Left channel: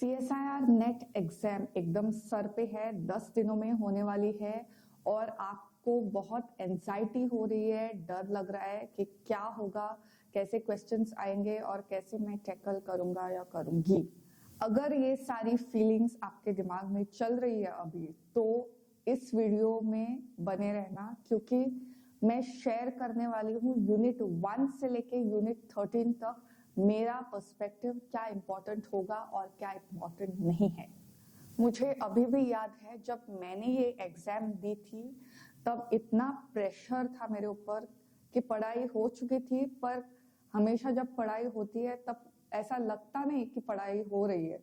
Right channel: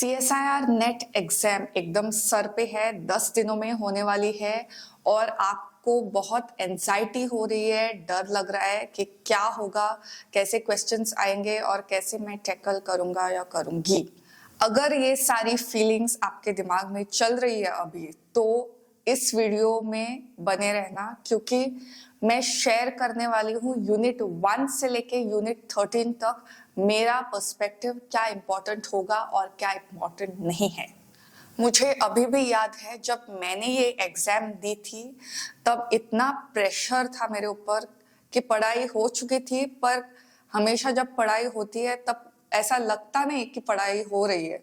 CSIR net exam एकदम sir पे है, 10 दिनों में होने वाली है और आपको बहुत एंजाइटी हो रही है, डर लग रहा है कि क्या होगा, कैसे क्वेश्चंस आएंगे और कैसे मैं टैकल करूंगा या करूंगी। अगर ये सारी फीलिंग्स आपके दिमाग में चल रही है अभी, तो इस वीडियो में बने रहना, क्योंकि मैं शेयर करने वाली हूँ यूनिट 1 से लेके यूनिट 13 तक मेरा पर्सपेक्टिव, क्या इम्पोर्टेंट होगा और क्या इम्पोर्टेंट नहीं है। मुझे अभी भी याद है जब मैंने ये एग्जाम दी थी, तब इतना प्रेशर था मेरे ऊपर कि पढ़ाई हो चुकी थी, पर हमेशा जब पढ़ाई होती है तब ऐसा लगता नहीं कि पढ़ाई हो रही है।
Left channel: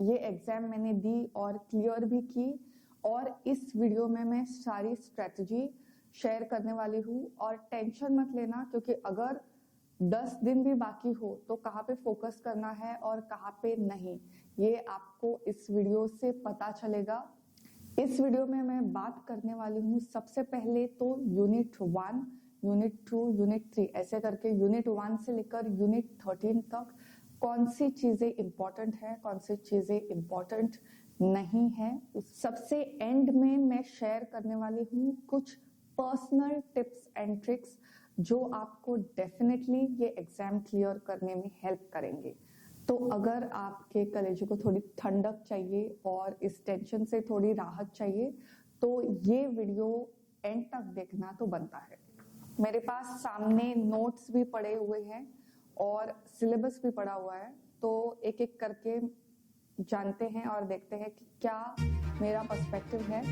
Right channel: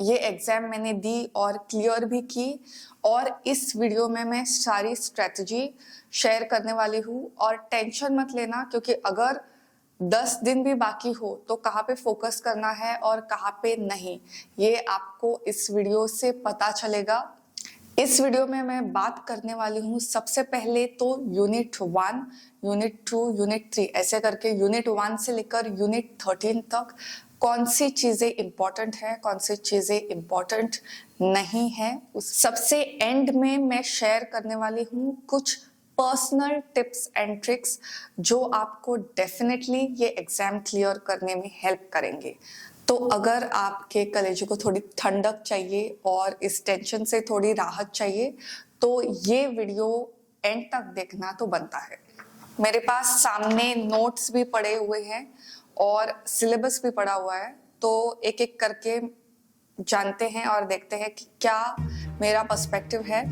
ये एग्जाम मैंने दी और क्लियर भी की, और इस वीडियो में मैं सारी स्ट्रेटजी शेयर करने वाली हूँ। और टेंशन मत लेना, क्योंकि अगर 10 दिन भी बाकी हो तो कहाँ पे फोकस करना है और कहाँ पे नहीं, ये आपको इस वीडियो से पता चलेगा। इस वीडियो में मैं बात करने वाली हूँ सबसे पहले तो यूनिट 1, यूनिट 2, यूनिट 3, ऐसे करके यूनिट 1 से लेकर यूनिट 13 तक कौन सी चीजें इंपॉर्टेंट है, कौन सी चीजें इंपॉर्टेंट नहीं है। उस सबसे एंड में मैं शेयर करने वाली हूँ कुछ पर्सनल टिप्स एंड ट्रिक्स जो आपको डेफिनेटली ये एग्जाम क्लियर करने में हेल्प करेंगे। तो अगर आपके कलेजे को थोड़ी ठंडक चाहिए और इस टेंशन से थोड़ी राहत चाहिए, तो ये वीडियो एंड तक देखना तो बनता है। मेरे पास सामने नोट्स भी पड़े हुए हैं और सिलेबस भी पड़ा हुआ है, तो एक एक करके जानते हैं और देखते हैं कि क्या मेरा पर्सपेक्टिव है।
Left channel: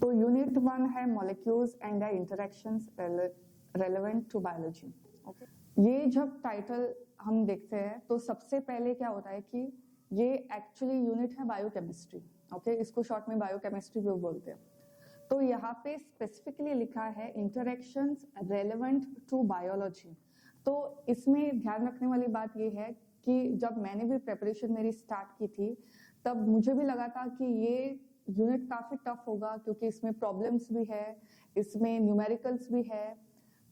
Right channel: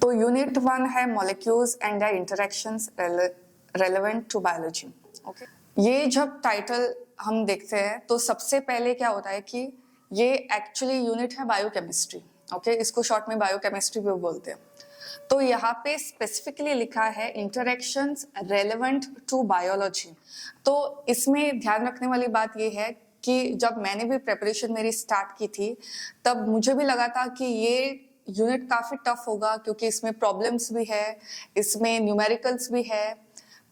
तो यूनिट 1 है molecules and their interactions relevant to biology. Okay, ये जब टाइटल हम देखते हैं तो सबसे पहले क्या होता है कि ये एक्चुअली यूनिट है बायोकेमिस्ट्री। ओके, इसको शॉर्ट में बायोकेमिस्ट्री भी बोलते हैं। तो यहाँ पे स्पेसिफिकली लिखा है इंटरेक्शंस रेलेवेंट टू बायोलॉजी। तो इसमें ध्यान रखने वाली बात ये है कि जब मैंने भी प्रेपरेशन मेरी स्टार्ट की थी, तब मुझे भी लगा था कि ये यूनिट काफी टफ होगा, क्योंकि इसमें प्रॉब्लम्स भी है, इसमें न्यूमेरिकल्स भी है।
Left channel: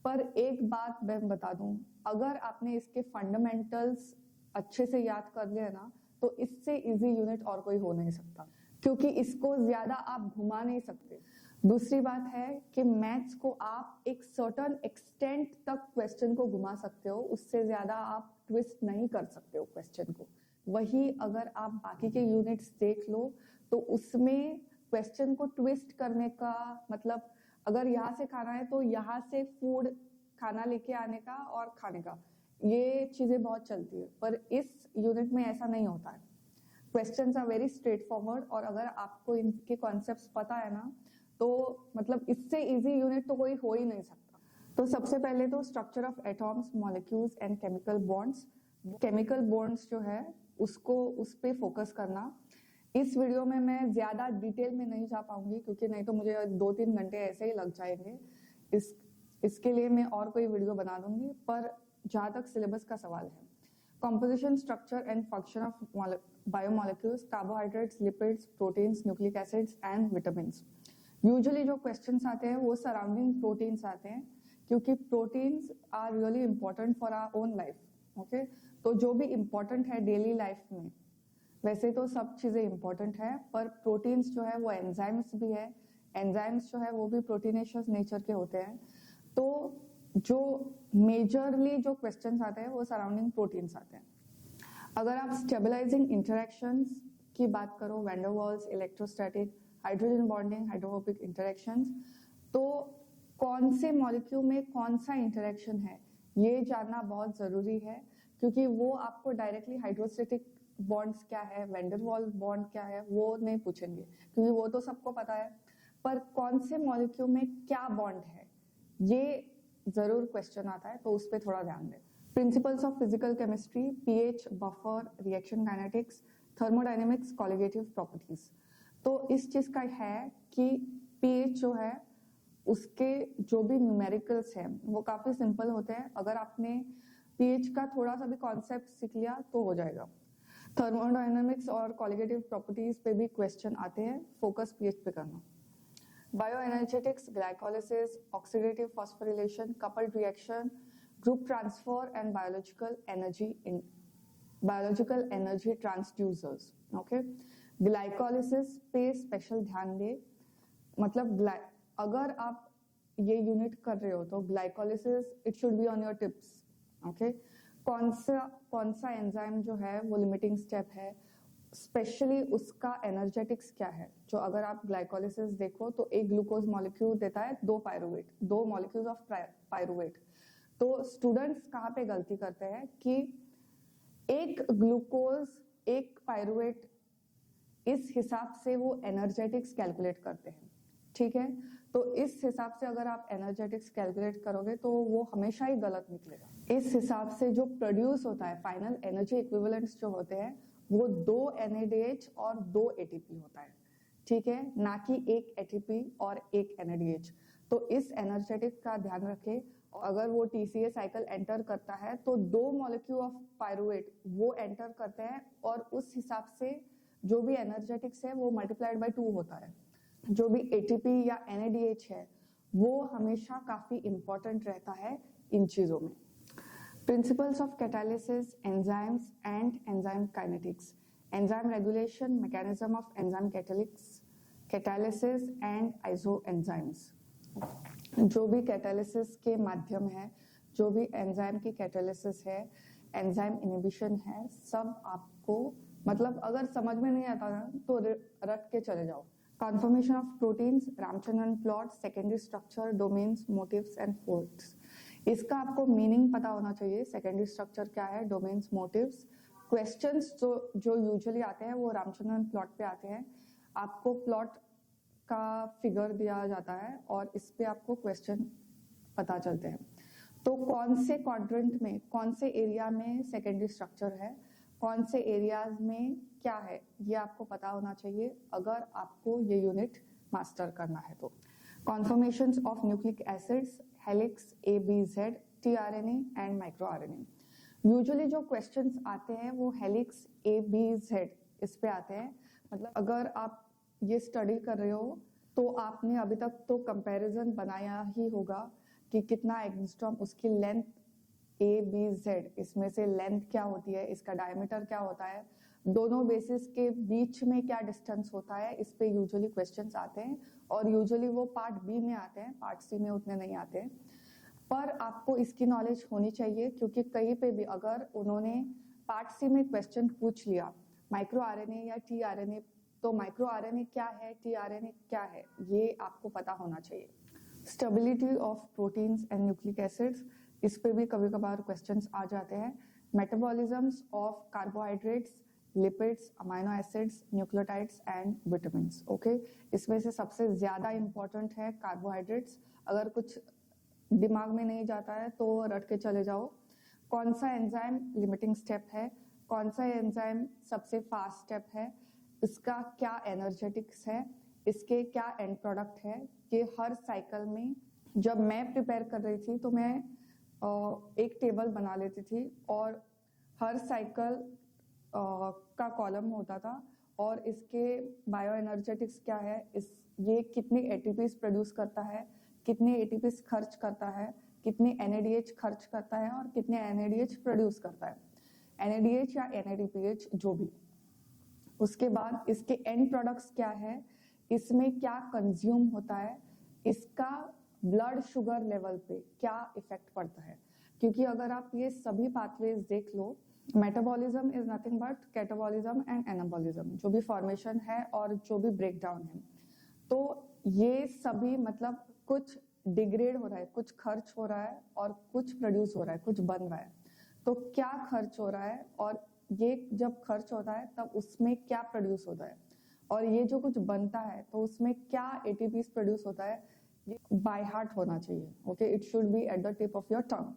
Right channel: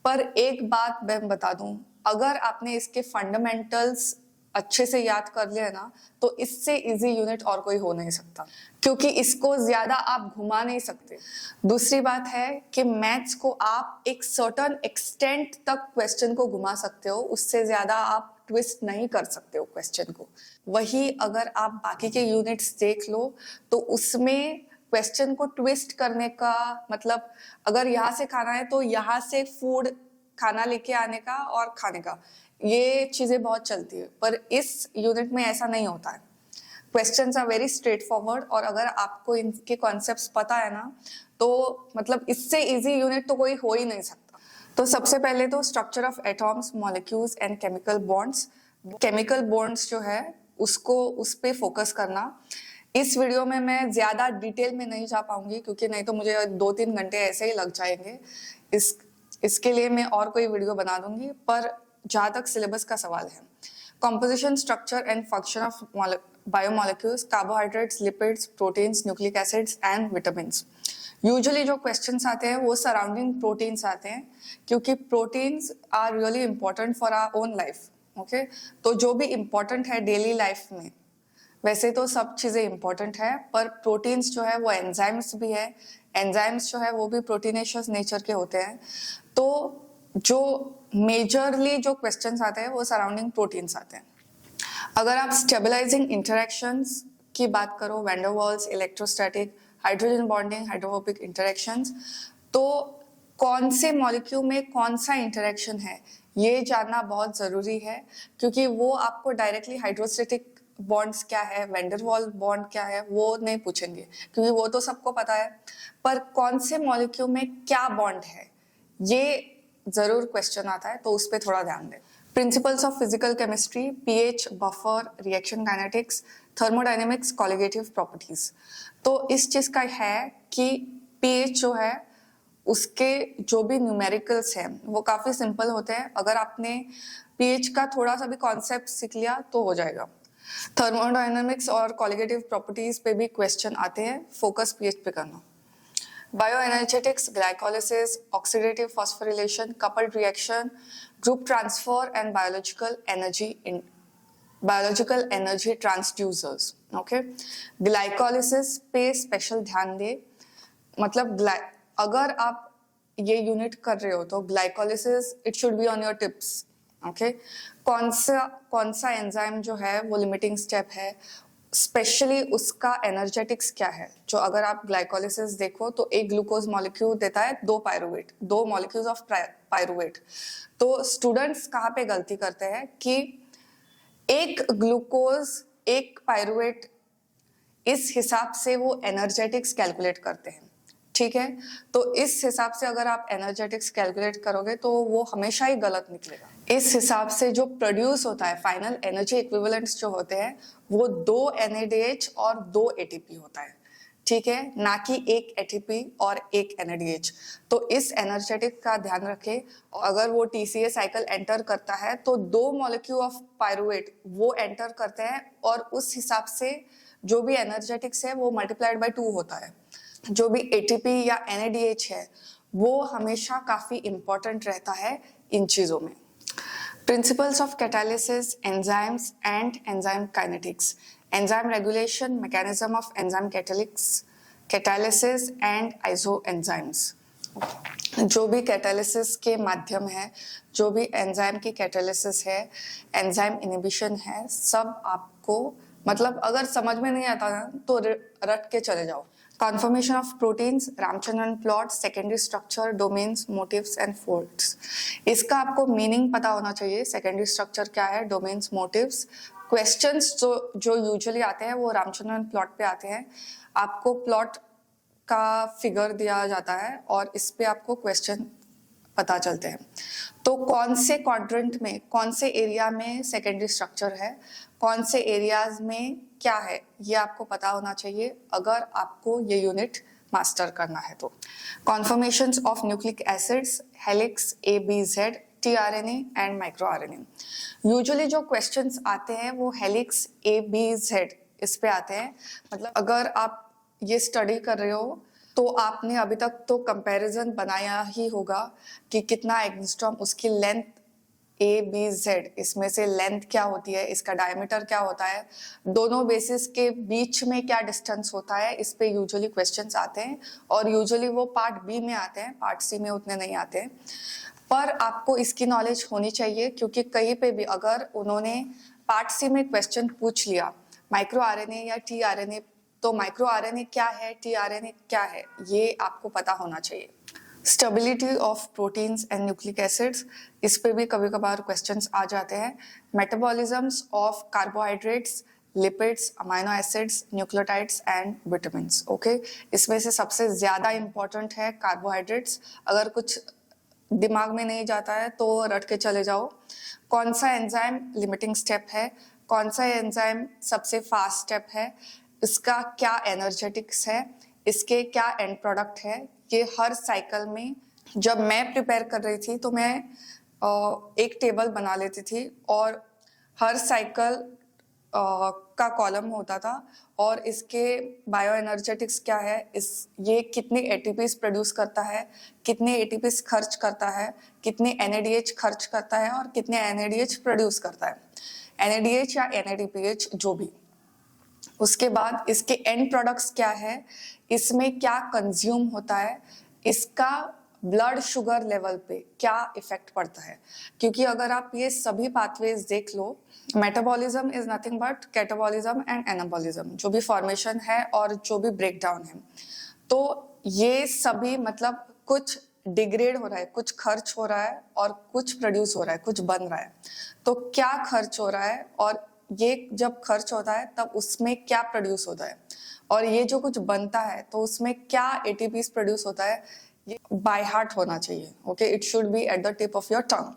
पर एक बात मैं बता दूं, अगर आपने इसके फंडामेंटल्स अच्छे से याद कर लिया ना, तो इससे इजी यूनिट और कोई हो नहीं सकता, क्योंकि इसको ज्यादा आप घुमा नहीं सकते। दूसरी बात है कि मैथ्स को आप एक सर्टेन एक्सटेंट तक क्वेश्चन को घुमा सकते हो, उससे ज्यादा आप ट्विस्ट नहीं कर सकते हो क्वेश्चन को। वही अगर आप बाकी के यूनिट्स देख लो, तो उसमें क्वेश्चन को ट्विस्ट करने का मतलब, अगर यहाँ से खाना है तो यहाँ से फूड खाना लेके आने का और खाने का, ये चीजें बहुत चलती है। पर इस यूनिट में ऐसा नहीं होता है। Questions are very straightforward, और अगर आपको इनके कॉन्सेप्ट्स पता है ना, तो मतलब इससे इजी यूनिट तो कोई हो ही नहीं सकता। तो सबसे पहले तो structure of atoms, molecules and chemical bonds. Chemical bonds जो है उसको, उस पे फोकस करना। इस वीडियो में मैं ज्यादा डिटेल में नहीं जा पाऊंगी, क्योंकि नहीं तो मुझे 2-3 घंटे ऐसे ही लग जाएंगे। इसके लिए मैं और कोई वीडियो बना दूंगी। पर जहां तक सिलेबस का सवाल है, composition, structure and function of biomolecules, carbohydrates, lipids, proteins, nucleic acids and vitamins। Usually जो क्वेश्चंस आते हैं वो सराउंडिंग प्रोटीन्स आते हैं, क्योंकि proteins are really important for our own life. Okay, तो जो भी इंपॉर्टेंट है डेली लाइफ में, वैसे तो सब चीजें इंपॉर्टेंट है, पर प्रोटीन्स जो है वो एंजाइम्स भी है। एंजाइम्स जो है वो भी प्रोटीनेशियस नेचर के होते हैं। तो जो मेजरली जो क्वेश्चंस आते हैं वो सराउंडिंग प्रोटीन्स आते हैं। अगर आप स्टेबलाइजिंग इंटरेक्शंस की बात करो, van der Waals, electrostatic, hydrogen bonding, hydrophobic interactions, तो कौन से मॉलिक्यूल में कौन सा इंटरेक्शन है ये जानना बहुत जरूरी है, क्योंकि वो आपको डायरेक्टली हाइड्रोस्टैटिक बॉन्ड्स क्या है, वैन डर वाल बॉन्ड क्या है, वो नहीं पूछेंगे, क्योंकि वो तो सबको पता है। पर कौन से मॉलिक्यूल में क्या बॉन्ड है, ये जरूर क्वेश्चन आता है, तो उस पर थोड़ा ध्यान दें। Principles of physical chemistry, pH, buffer, reaction kinetics, thermodynamics, colligative properties. तो इस चीज का है कि पीएच जो है उसके जो भी न्यूमेरिकल्स हैं वो काफी सिंपल होते हैं। अगर आपने पीएच का थोड़ा सा भी कॉन्सेप्ट सीख लिया तो हो जाएगा। थर्मोडायनेमिक्स और कॉलिगेटिव प्रॉपर्टीज पे भी क्वेश्चन आते हैं, फोकस पीएच पे करना। Bioenergetics, glycolysis, oxidative phosphorylation, coupled reaction, group transfer, and biological energy transducers. Okay, glycolysis पे स्पेशल ध्यान दे, मतलब अगर आप ये यूनिट कर रहे हो तो glycolysis it should be on your tips. Okay, कौन सा एंजाइम जो है वो लिमिटिंग स्टेप है, स्पेशली उसका एनर्जेटिक्स क्या है. जो अगर आप ग्लाइकोलिसिस देखो तो एक ग्लूकोज मॉलिक्यूल देता है दो मॉलिक्यूल्स ऑफ पायरुवेट. तो स्टूडेंट्स कहाँ पे गलती करते हैं कि एक ग्लूकोज एक पायरुवेट, इस हिसाब से वो एनर्जेटिक्स कैलकुलेट करते हैं. ठीक है, तो इस हिसाब से अगर आप एनर्जेटिक्स कैलकुलेट करोगे तो वो हमेशा ही गलत निकलेगा. इस हिसाब से जो प्रोड्यूस होता है फाइनल एनर्जी इक्विवेलेंट्स जो होते हैं वो 2 NADH और 2 ATP होता है. ठीक है, ना कि एक ATP और एक NADH. तो इस एनर्जेटिक का ध्यान रखें. अगर वो TCA साइकिल एंटर करता है तो 2 मॉलिक्यूल ऑफ पायरुवेट वो एंटर करते हैं और उस हिसाब से जो भी एनर्जेटिक्स है वो मल्टीप्लाइड बाय 2 होता है. जो भी ATP या NADH है वो हमेशा काफी इंपॉर्टेंट रहता है इन चीजों में. Principles of catalysis, enzymes and enzyme kinetics, enzyme regulation, mechanism of enzyme catalysis and isoenzymes. जो भी कैटालिसिस के माध्यम है, जो भी एंजाइम की कैटालिसिस है, एंजाइम इनहिबिशन है, सब आपको मतलब अगर समझ में नहीं आता ना तो रट के चले जाओ. Conformation of proteins, Ramachandran plot, secondary structure, domains, motifs and folds. इसका आपको मीनिंग पता होना चाहिए. सेकेंडरी स्ट्रक्चर क्या है, डोमेन्स, मोटिव्स. क्वेश्चंस जो यूजुअली आते हैं वो रामचंद्रन प्लॉट पे आते हैं. आपको प्लॉट का फिगर दिया जाता है और इस पे आपको क्वेश्चन पता चलते हैं. तो कौन से क्वाड्रेंट में, कौन से एरिया में सेकेंडरी स्ट्रक्चर है, कौन से एरियाज में क्या है, ये आपको पता होना चाहिए अगर आपको ये यूनिट मास्टर करना है तो. Conformations of nucleic acids, helix, ABZ, tRNA and micro RNA. Usually जो क्वेश्चंस आते हैं वो हेलिक्स, ABZ इस पे आते हैं. मतलब अगर आप ये स्टडी कर रहे हो तो आपने अभी तक तो कंपैरिजन बनाया ही होगा कि कितना एंगस्ट्रॉम, उसकी लेंथ ABZ, इसमें से लेंथ क्या होती है, इसका डायमीटर क्या होता है, दोनों बेसिस के बीच में क्या डिस्टेंस होता है, इस पे यूजुअली क्वेश्चंस आते हैं. और यूजुअली वो पार्ट B में आते हैं, पार्ट C में उतने नहीं आते हैं. पर आपको इसकी नॉलेज होनी चाहिए क्योंकि कहीं पे भी अगर उन्होंने पार्ट C में क्वेश्चन पूछ लिया माइक्रो RNA या tRNA, तो माइक्रो RNA क्या है, tRNA क्या है, ये आपको पता होना चाहिए. Stability of proteins and nucleic acids, इस पे भी कभी कभार क्वेश्चंस आ जाते हैं. Metabolisms of carbohydrates, lipids, amino acids, nucleotides and vitamins. Okay, इसमें से सबसे ज्यादा इंपॉर्टेंट है कार्बोहाइड्रेट्स. अगर कुछ दिमाग में नहीं जाता है तो रट के चले जाओ. कौन सा एंजाइम लिमिटिंग स्टेप है, कौन सा एंजाइम सबसे फास्ट स्टेप है, इसका क्या एनर्जेटिक्स है, इसके क्या एंड प्रोडक्ट है, ये हर साइकिल में. जब मैं प्रिपेयर कर रही थी तो मैं एक टेबल बना लेती थी और हर साइकिल का कॉलम होता था और इसके बायो एनर्जेटिक्स क्या है, ये कितने ATPs प्रोड्यूस करता है, कितने ATPs खर्च करता है, कितने NADH खर्च करता है और कितने NADH प्रोड्यूस करता है, NADH या NADPH जो भी. उसके बाद इसके एंड प्रोडक्ट्स क्या है, इसमें क्या कंज्यूम होता है, इसका ब्लड शुगर लेवल पे क्या इफेक्ट पड़ता है. क्योंकि अगर आप ये सभी पाथवेज देख लो, metabolism is nothing but catabolism and anabolism, जो भी फॉर्मेशन है और जो भी ब्रेक डाउन है. तो ये सभी मतलब कुछ डिग्रेड हो रहा है, कुछ खर्च हो रहा है और कुछ प्रोड्यूस हो रहा है, कुछ बन रहा है. तो क्या खर्च हो रहा है और ये जब खर्च होता है तब उसमें क्या प्रोड्यूस होता है, और ये जो कुछ बनता है तो उसमें क्या ATPs प्रोड्यूस होता है, ये बाय हार्ट होना चाहिए. Okay, it should be at the tip of your tongue.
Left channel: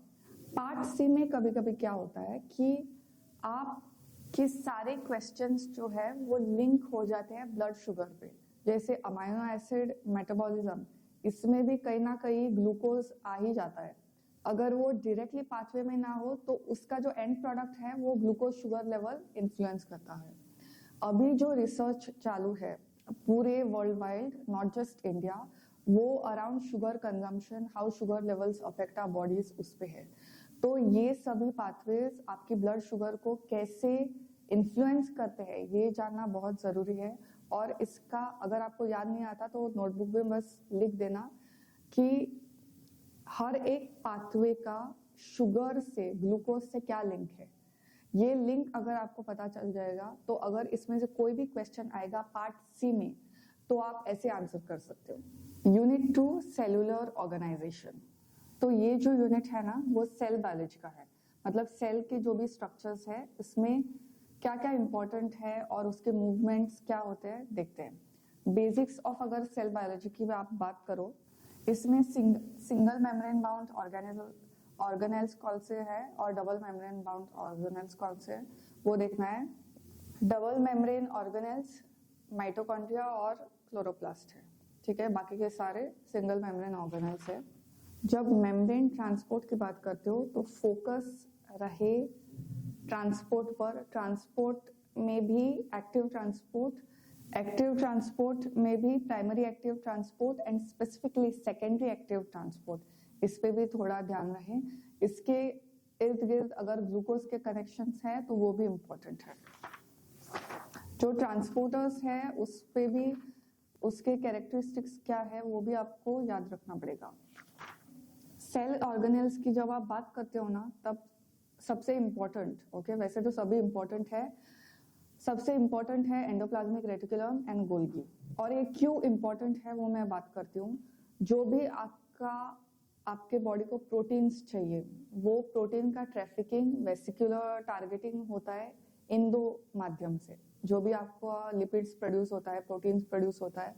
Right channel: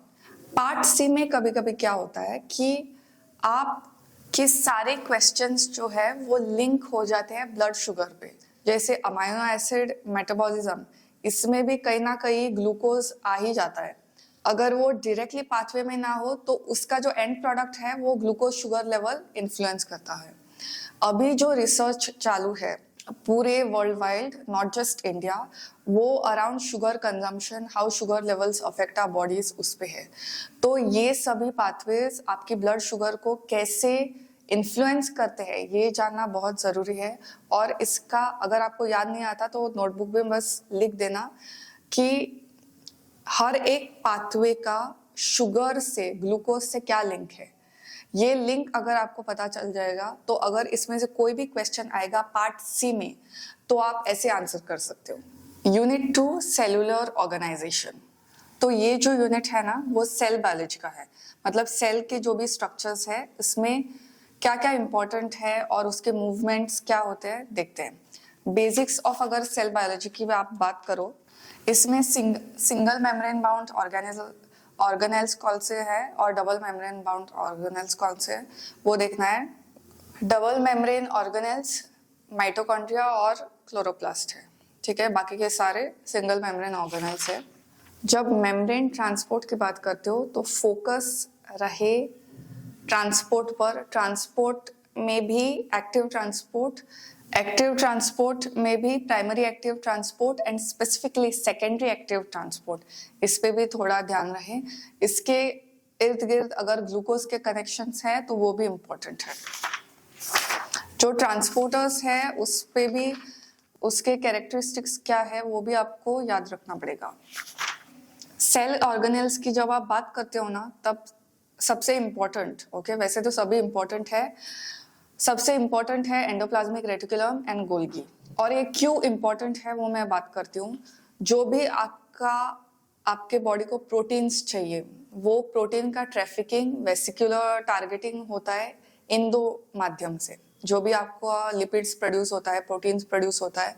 Part C में कभी कभी क्या होता है कि आप के सारे क्वेश्चंस जो है वो लिंक हो जाते हैं ब्लड शुगर पे. जैसे अमाइनो एसिड मेटाबॉलिज्म, इसमें भी कहीं ना कहीं ग्लूकोज आ ही जाता है. अगर वो डायरेक्टली पाथवे में ना हो तो उसका जो एंड प्रोडक्ट है वो ग्लूकोज शुगर लेवल इन्फ्लुएंस करता है. अभी जो रिसर्च चालू है पूरे world wide, not just India, वो around sugar consumption, how sugar levels affect our bodies, उस पे है। तो ये सभी पाथवेज आपकी ब्लड शुगर को कैसे इन्फ्लुएंस करते हैं ये जानना बहुत ज़रूरी है। और इसका अगर आपको याद नहीं आता तो नोटबुक में बस लिख देना कि हर एक पाथवे का शुगर से, ग्लूकोज से क्या लिंक है। ये लिंक अगर आपको पता चल जाएगा तो अगर इसमें से कोई भी क्वेश्चन आएगा पार्ट सी में तो आप ऐसे आंसर कर सकते हो। Unit 2 cellular organisation. तो ये जो यूनिट है ना वो सेल बायोलॉजी का है, मतलब सेल के जो भी स्ट्रक्चर्स है इसमें क्या क्या इंपॉर्टेंट है और उसके मूवमेंट्स क्या होते हैं देखते हैं। बेसिक्स ऑफ अगर सेल बायोलॉजी की आप बात करो, इसमें सिंगल मेम्ब्रेन बाउंड ऑर्गेनेल्स कौन से है और डबल मेम्ब्रेन बाउंड ऑर्गेनेल्स कौन से है वो देखना है। डबल मेम्ब्रेन ऑर्गेनेल्स माइटोकॉन्ड्रिया और क्लोरोप्लास्ट है, ठीक है, बाकी के सारे सिंगल मेम्ब्रेन ऑर्गेनेल्स है। जब मेम्ब्रेन ट्रांसपोर्ट की बात करते हो तो फोकस रहे ट्रांसपोर्ट पर। ट्रांसपोर्ट में भी एक्टिव ट्रांसपोर्ट में भी primary active transport and specifically secondary active transport, इस पे भी थोड़ा ध्यान रहे। इसके इर्द गिर्द अगर ग्लूकोज के कनेक्शंस हैं तो वो भी इम्पोर्टेंट है। जो ट्रांसपोर्टर्स है उस पे भी उसके कैरेक्टरिस्टिक्स क्या है वो भी आपको याद रखना पड़ेगा। सेल ऑर्गेनेल्स की जब आप बात करते हो ना तब सबसे इम्पोर्टेंट, ओके, वैसे तो सभी इम्पोर्टेंट है, सबसे इम्पोर्टेंट है एंडोप्लाज्मिक रेटिकुलम एंड गोल्गी। और ये क्यों इम्पोर्टेंट है वो मैं बात करती हूँ। जो भी आपके बॉडी को प्रोटीन्स चाहिए वो प्रोटीन का ट्रैफिकिंग वेसिकुलर टारगेटिंग होता है इन दो माध्यम से। जो भी आपको लिपिड्स प्रोड्यूस होता है, प्रोटीन्स प्रोड्यूस होता है,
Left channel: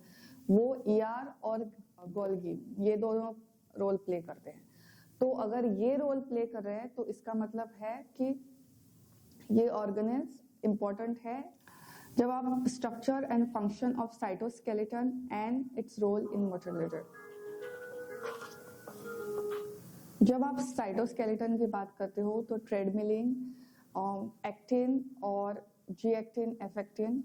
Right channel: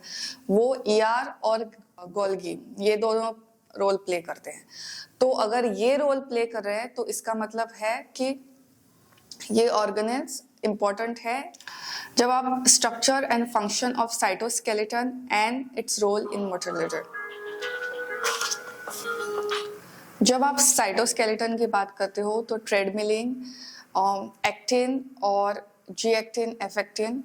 वो ईआर और गोल्गी ये दोनों रोल प्ले करते हैं। तो अगर ये रोल प्ले कर रहे हैं तो इसका मतलब है कि ये ऑर्गेनेल्स इंपॉर्टेंट है। जब आप structure and function of cytoskeleton and its role in motility, जब आप साइटोस्केलेटन की बात करते हो तो ट्रेडमिलिंग, एक्टिन और G actin, F actin,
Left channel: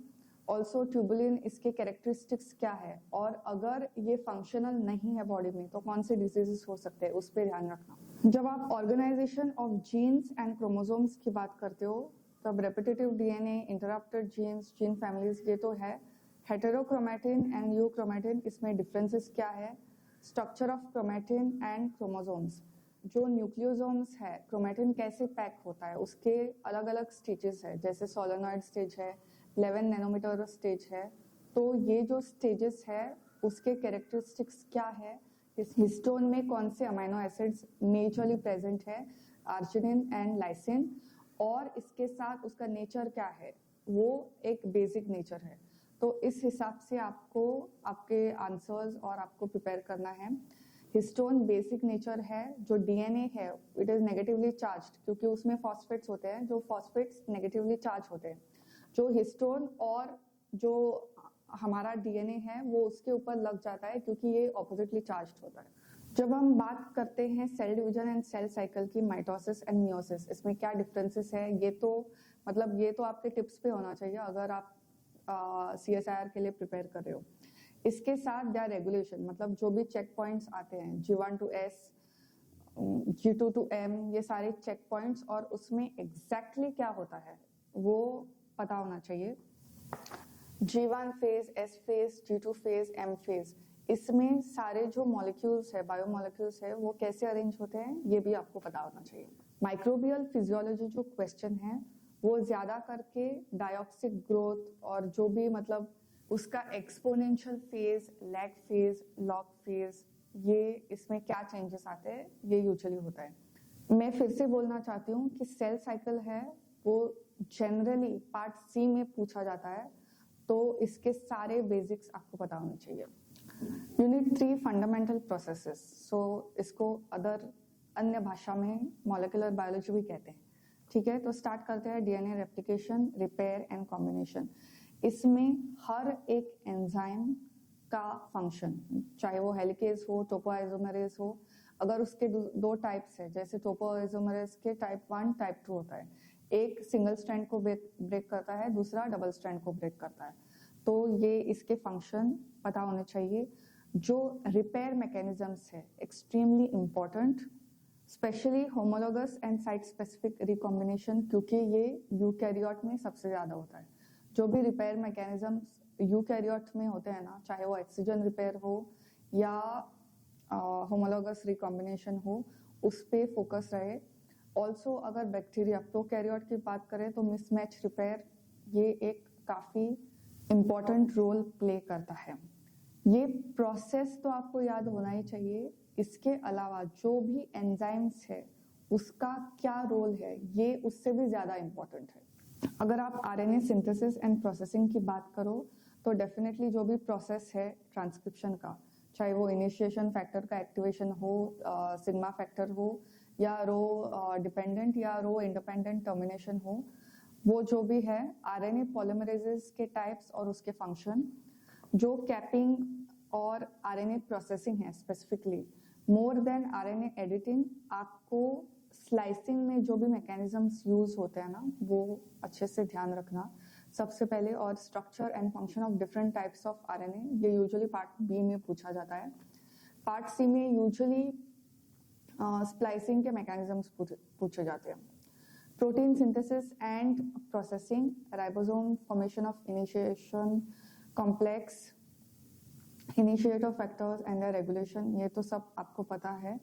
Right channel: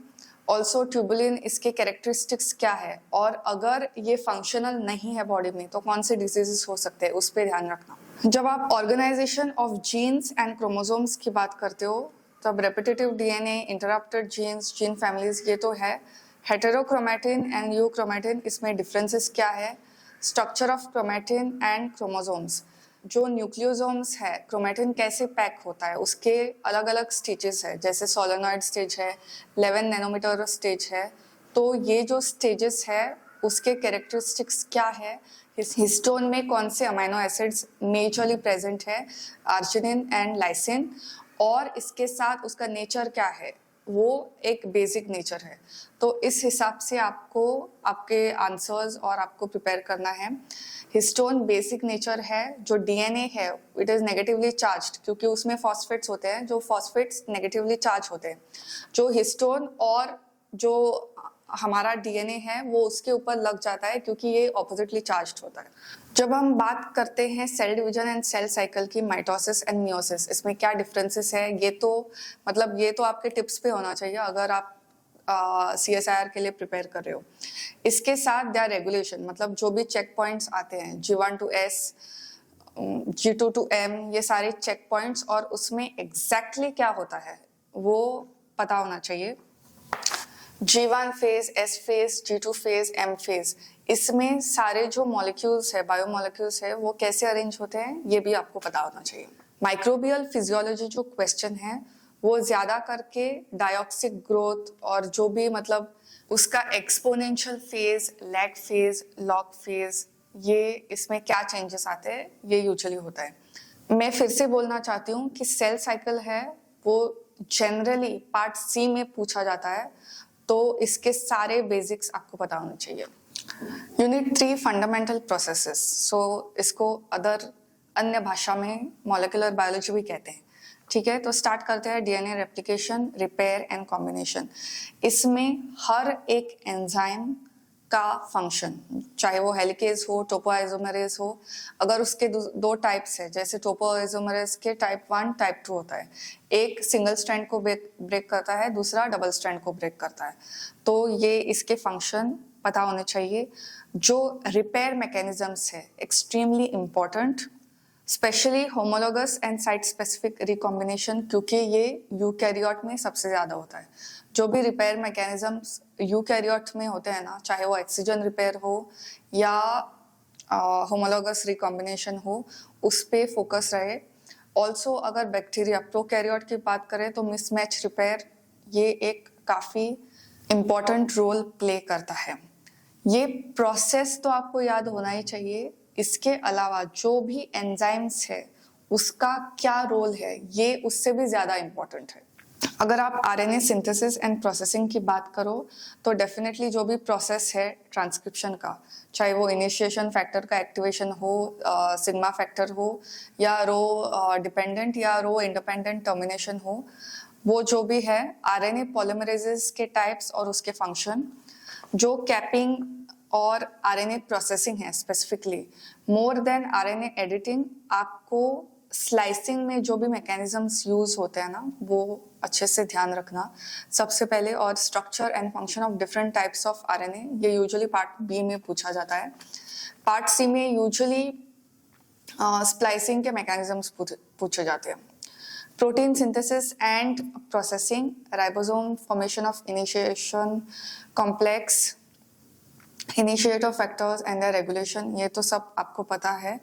also tubulin, इसके कैरेक्टरिस्टिक्स क्या है और अगर ये फंक्शनल नहीं है बॉडी में तो कौन से डिजीजेस हो सकते हैं उस पर ध्यान रखना। जब आप organisation of genes and chromosomes की बात करते हो तब repetitive DNA, interrupted genes, gene families ये तो है। हेटेरोक्रोमैटिन एंड यूक्रोमैटिन, इसमें डिफरेंसेस क्या है। Structure of chromatin and chromosomes, जो न्यूक्लियोसोम्स है क्रोमैटिन कैसे पैक होता है उसके अलग अलग स्टेजेस है, जैसे सोलेनॉइड स्टेज है, 11 नैनोमीटर स्टेज है। तो ये जो स्टेजेस है उसके कैरेक्टरिस्टिक्स क्या है, हिस्टोन में कौन से अमीनो एसिड्स नेचुरली प्रेजेंट है, आर्जिनिन एंड लाइसिन, और इसके साथ उसका नेचर क्या है, वो एक बेसिक नेचर है। तो इस हिसाब से आपको आपके आंसर्स और आपको प्रिपेयर करना है। हिस्टोन बेसिक नेचर है, जो डीएनए है इट इज नेगेटिवली चार्ज्ड क्योंकि उसमें फॉस्फेट्स होते हैं, जो फॉस्फेट्स नेगेटिवली चार्ज होते हैं। जो हिस्टोन और जो हमारा डीएनए है वो उसके ऊपर लग जाता है क्योंकि ये ऑपोजिटली चार्ज्ड होता है। जब हम बात करते हैं cell division and cell cycle की, माइटोसिस एंड मियोसिस, इसमें क्या डिफरेंसेस है ये तो मतलब ये तो आपके टिप्स पे होना चाहिए अगर आप CSIR के लिए प्रिपेयर कर रहे हो। इसके साथ देयर रेगुलेशन, मतलब जो भी चेक पॉइंट्स आते हैं G1 to S, G2 to M, ये सारे चेक पॉइंट्स और उसमें एग्जैक्टली क्या होता है वो पता होना चाहिए। G1 phase, S phase, G2 phase, M phase, इसमें सारे जो मॉलिक्यूल्स है, बायोमॉलिक्यूल्स है, वो कैसे अरेंज होते हैं ये भी आपको पता होना चाहिए। माइक्रोबियल फिजियोलॉजी जो क्वेश्चन है वो ज्यादा करके डायोक्सिक ग्रोथ और जो भी मतलब उसका exponential phase, lag phase, log phase, ये इसमें क्या चेंजेस आते हैं ये यूजुअली होता है। मैं फिर से बोलना चाहती हूँ कि सेल साइकिल है वो जनरली पार्ट सी में पूछा जाता है, तो इसके सारे बेसिक्स आपको पता होने चाहिए। यूनिट 3 फंडामेंटल प्रोसेसेस, सो इसको अन्य भाषा में मॉलिक्यूलर बायोलॉजी भी कहते हैं, ठीक है। तो स्टार्ट करते हैं DNA replication, repair and combination. इसमें हर एक एंजाइम का फंक्शन, चाहे वो हेलिकेज हो, टोपोआइसोमेरेज हो, अगर उसके दो टाइप्स है, जैसे टोपोआइसोमेरेज के टाइप 1 टाइप 2 होता है, एक सिंगल स्ट्रैंड को ब्रेक करता है, दूसरा डबल स्ट्रैंड को ब्रेक करता है, तो ये इसके फंक्शन पता होने चाहिए। जो रिपेयर मैकेनिज्म्स है extremely important, specially homologous and site specific recombination, क्योंकि ये यूकैरियोट में सबसे ज्यादा होता है। जो भी रिपेयर मैकेनिज्म्स यूकैरियोट में होते हैं ना, चाहे वो ऑक्सीजन रिपेयर हो या होमोलोगस रिकॉम्बिनेशन हो, उस पे फोकस रहे। ऑल्सो अगर बैक्टीरिया प्रोकैरियोट की बात करें तो मिसमैच रिपेयर ये एक काफी इम्पॉर्टेंट रोल प्ले करता है। ये प्रोसेस तो आपको याद होना ही चाहिए। इसके अलावा जो भी एंजाइम्स है उसका क्या रोल है, ये उससे भी ज्यादा इम्पोर्टेंट है। अगर आप आरएनए सिंथेसिस एंड प्रोसेसिंग की बात करो तो डेफिनेटली जो भी प्रोसेस है ट्रांसक्रिप्शन का, चाहे वो इनिशिएशन फैक्टर का एक्टिवेशन हो, सिग्मा फैक्टर हो, या रो डिपेंडेंट या रो इंडिपेंडेंट टर्मिनेशन हो, वो जो भी है, आरएनए पॉलीमरेजेस के टाइप्स और उसके फंक्शन, जो कैपिंग और आरएनए प्रोसेसिंग है specifically, more than RNA editing, आपको स्लाइसिंग में जो भी मैकेनिज्म्स यूज होते हैं ना, वो अच्छे से ध्यान रखना सबसे पहले। और structure and function of different types of RNA, ये यूजुअली पार्ट बी में पूछा जाता है। पार्ट सी में यूजुअली स्प्लाइसिंग के मैकेनिज्म्स पूछे जाते हैं। Protein synthesis and processing, ribosome formation of initiation complex, initiator factors and the regulation, ये तो सब आपको पता है।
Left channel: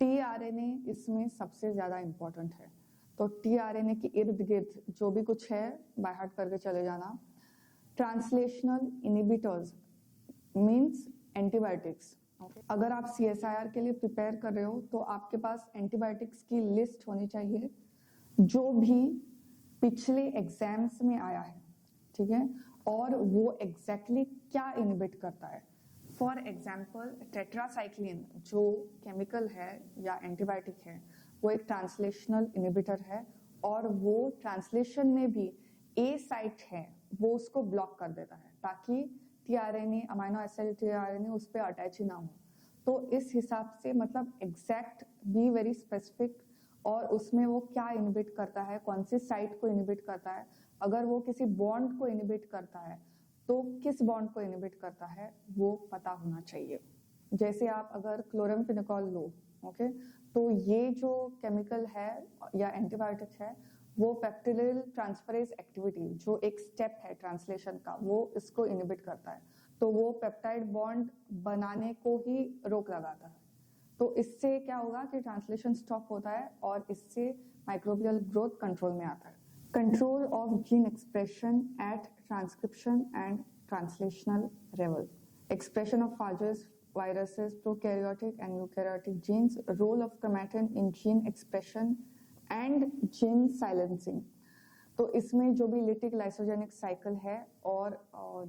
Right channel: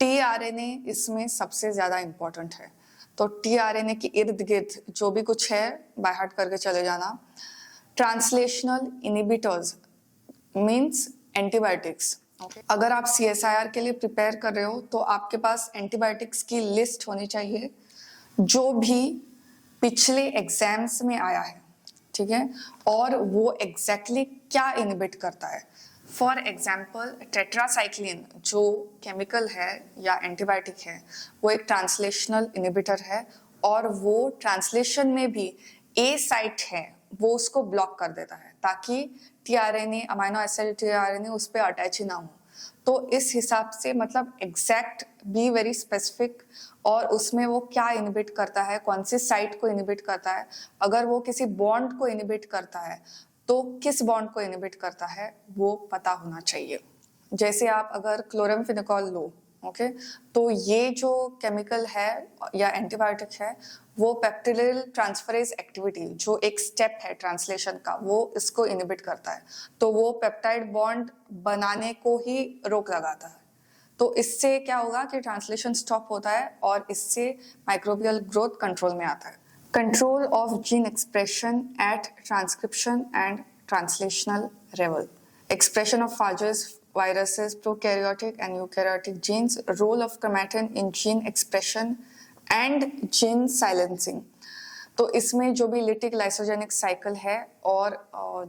टीआरएनए इसमें सबसे ज्यादा इंपॉर्टेंट है, तो टीआरएनए के इर्द गिर्द जो भी कुछ है बाय हार्ट करके चले जाना। Translational inhibitors means antibiotics. अगर आप सीएसआईआर के लिए प्रिपेयर कर रहे हो तो आपके पास एंटीबायोटिक्स की लिस्ट होनी चाहिए जो भी पिछले एग्जाम्स में आया है, ठीक है, और वो एग्जैक्टली क्या इनिबिट करता है। फॉर एग्जाम्पल टेट्रासाइक्लिन जो केमिकल है या एंटीबायोटिक है, वो एक ट्रांसलेशनल इनिबिटर है, और वो ट्रांसलेशन में भी ए साइट है वो उसको ब्लॉक कर देता है ताकि टीआरएनए, अमाइनो एसिड टीआरएनए उस पर अटैच ही ना हो। तो इस हिसाब से मतलब एग्जैक्ट बी वेरी स्पेसिफिक, और उसमें वो क्या इनिबिट करता है, कौन सी साइट को इनिबिट करता है। अगर वो किसी बॉन्ड को इनिबिट करता है तो किस बॉन्ड को इनिबिट करता है वो पता होना चाहिए। जैसे आप अगर क्लोरामफेनिकोल लो, ओके, तो ये जो केमिकल है या एंटीबायोटिक है, वो पेप्टिडाइल ट्रांसफरेज एक्टिविटी, जो एक स्टेप है ट्रांसलेशन का, वो इसको इनिबिट करता है, तो वो पेप्टाइड बॉन्ड बनाने को ही रोक लगाता है। तो इससे क्या होगा कि ट्रांसलेशन स्टॉप होता है और इससे माइक्रोबियल ग्रोथ कंट्रोल में आता है। Control of gene expression at transcription and translational level, expression of phages, viruses, prokaryotic and eukaryotic genes, role of chromatin in gene expression and gene silencing। तो इसमें जो भी लिटिक लाइसोजेनिक साइकिल है और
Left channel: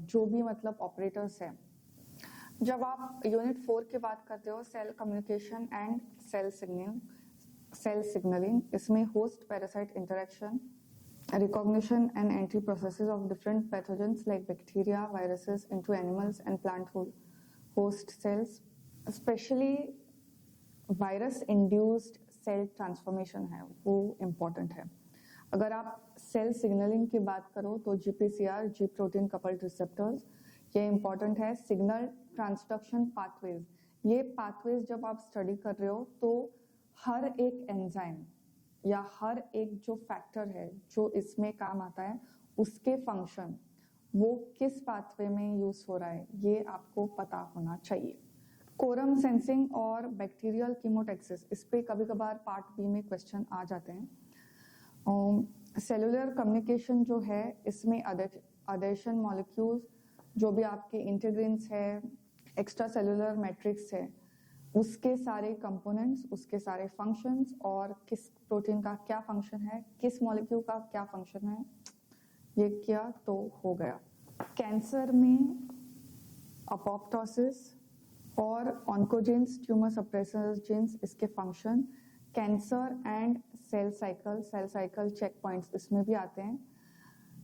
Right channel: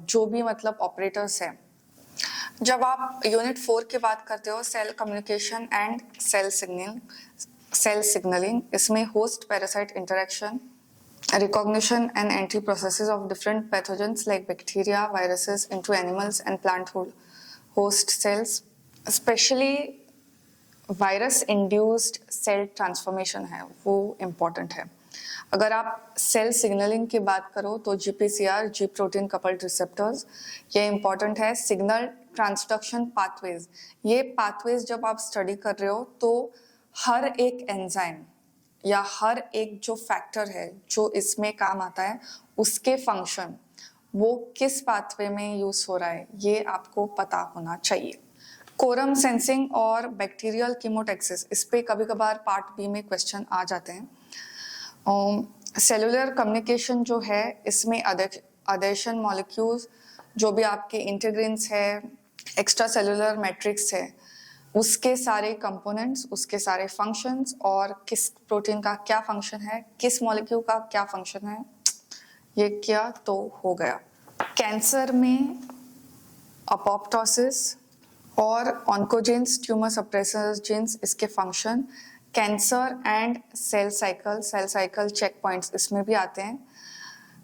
जो भी मतलब ऑपरेटर्स है। जब आप यूनिट 4 की बात करते हो, cell communication and cell signalling, इसमें host parasite interaction, recognition and entry processes of different pathogens like bacteria, viruses into animals and plant host cells, especially virus induced cell transformation है वो इम्पॉर्टेंट है। अगर आप सेल सिग्नलिंग की बात करो तो जीपीसीआर, जी प्रोटीन कपल्ड रिसेप्टर्स, ये इम्पॉर्टेंट है। सिग्नल ट्रांसडक्शन पाथवेज, ये पाथवेज जब आप स्टडी कर रहे हो तो हर एक एंजाइम या हर एक जो फैक्टर है जो इसमें काम आता है, उसके फंक्शन वो किस पाथवे में यूज हो रहा है ये आपको पता होना चाहिए। कोरम सेंसिंग और बैक्टीरियल कीमोटैक्सिस, इस पे कभी कभार पार्ट बी में क्वेश्चन आ जाते हैं। सेलुलर कम्युनिकेशन जो है, इसमें अडेशन मॉलिक्यूल्स, जो भी आपके इंटीग्रिन्स है, एक्स्ट्रा सेलुलर मैट्रिक्स है, उसके सारे कंपोनेंट्स, उसके सारे फंक्शंस, और किस प्रोटीन का क्या फंक्शन है, किस मॉलिक्यूल का क्या फंक्शन है, ये क्या तो हो गया। कैंसर में अपोप्टोसिस और ऑन्कोजेंस, ट्यूमर सप्रेसर्स जीन्स, इसके function, cancer and cell cycle checkpoints इसमें भी आते हैं।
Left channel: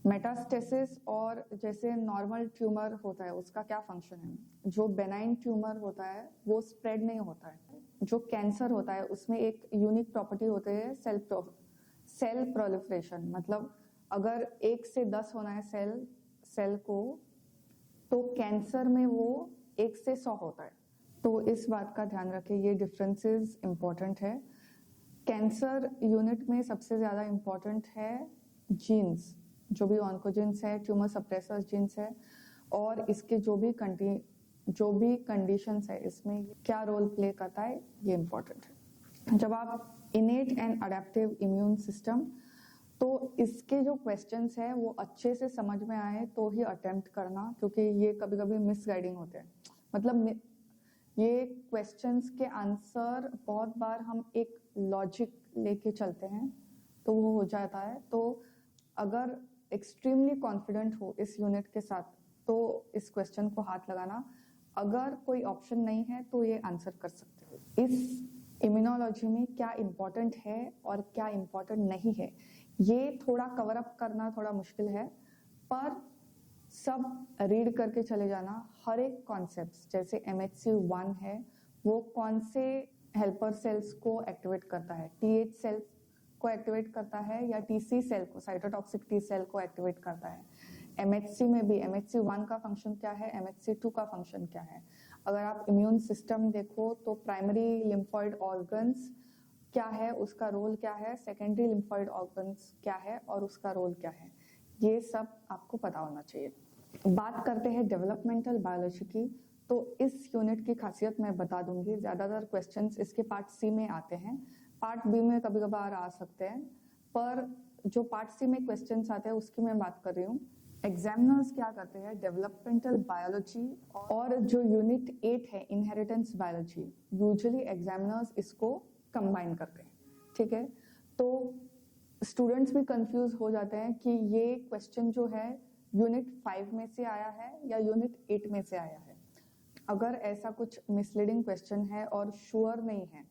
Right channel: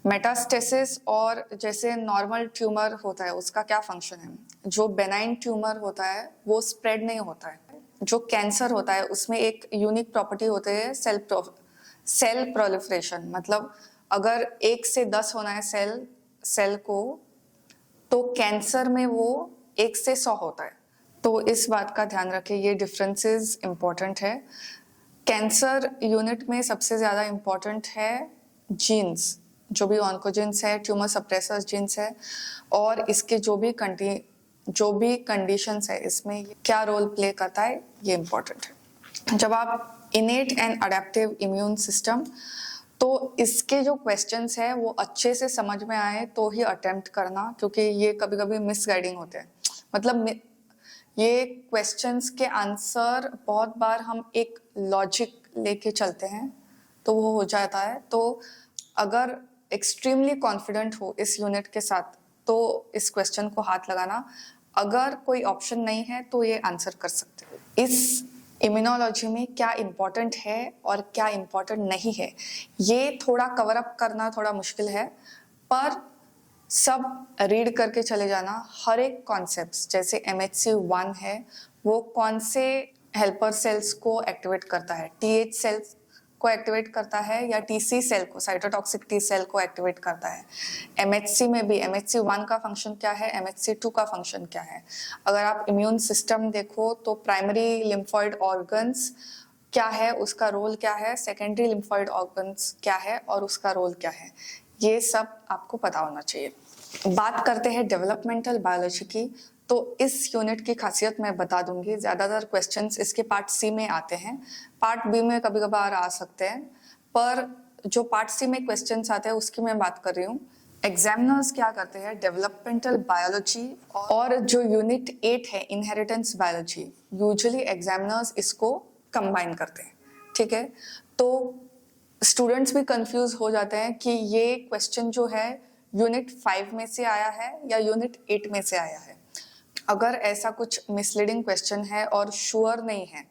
मेटास्टेसिस और जैसे नॉर्मल ट्यूमर होता है उसका क्या फंक्शन है? जो बेनाइन ट्यूमर होता है वो स्प्रेड नहीं होता है। जो कैंसर होता है उसमें एक यूनिक प्रॉपर्टी होती है सेल प्रोलिफरेशन, मतलब अगर 1 से 10 होना है सेल को, तो कैंसर में वो 1 से 100 होता है। तो इस बात का ध्यान रखें, ये डिफरेंसेस इंपॉर्टेंट है। कैंसर यूनिट में सबसे ज्यादा इंपॉर्टेंट है जीन्स, जो भी ऑन्कोजीन्स है, ट्यूमर सप्रेसर्स जीन्स है, और इसके जो भी कंडीशंस है इसमें क्या रोल प्ले करता है, ये इंपॉर्टेंट है। जब आप इनेट एंड अडेप्टिव इम्यून सिस्टम, तो इसके जो क्वेश्चंस है वो अच्छे से समझ में आए तो ही अटेम्प्ट करना, क्योंकि ये कभी कभी मिसगाइडिंग होते हैं। मतलब ये क्वेश्चंस के आंसर बहुत बार हम एक लॉजिक लेके चलते हैं तो वो हो जाता है। तो अगर एक्सट्रीमली कॉन्फिडेंट हो इस यूनिट के साथ तो इस क्वेश्चन को हाथ लगाना, अगर कोई ऑप्शन नहीं है तो ये आंसर कर सकते हो। इस इम्यूनोलॉजी में क्या इम्पोर्टेंट है और क्या इम्पोर्टेंट नहीं है, ये थोड़ा कवर अप करना थोड़ा मुश्किल है, पर सब रीड करके चले जाना। हर एक कॉन्सेप्ट, जैसे MHC1 है, वो कौन से हेल्पर सेल्स को एक्टिवेट करता है, TH सेल्स को एक्टिवेट करता है या TC सेल को, साइटोटॉक्सिक T सेल को एक्टिवेट करता है। MHC में भी MHC1 का फंक्शन क्या है, MHC2 का फंक्शन क्या है। अगर आप इम्यून सिस्टम देखो तो प्राइमरी लिम्फॉइड ऑर्गन्स क्या है, उसका रोल क्या है, सेकेंडरी लिम्फॉइड ऑर्गन्स क्या है और उसका रोल क्या है, ये सब आपको पता होना चाहिए। बात करते हैं डेवलपमेंटल बायोलॉजी की, तो इस यूनिट की खासियत मैं बता दूंगी। ज्यादातर क्वेश्चंस इसके पार्ट सी में आते हैं, पार्ट बी में कभी कभार आ सकते हैं, पर जो पार्ट सी में क्वेश्चंस आते हैं उसकी मैं बात कर रही हूँ। एग्जामिनर्स क्या करते हैं, डेवलपमेंटल बायोलॉजी और जो यूनिट 8 है इनहेरिटेंस बायोलॉजी, यूजुअली एग्जामिनर्स इसको कंबाइन करते हैं। ठीक है, तो स्टूडेंट्स भी कंफ्यूज हो जाते हैं कि ये क्वेश्चन जो है यूनिट 5 में से आया है या यूनिट 8 में से आया है। अगर ऐसा कुछ मिसलीडिंग क्वेश्चन है और श्योर नहीं है,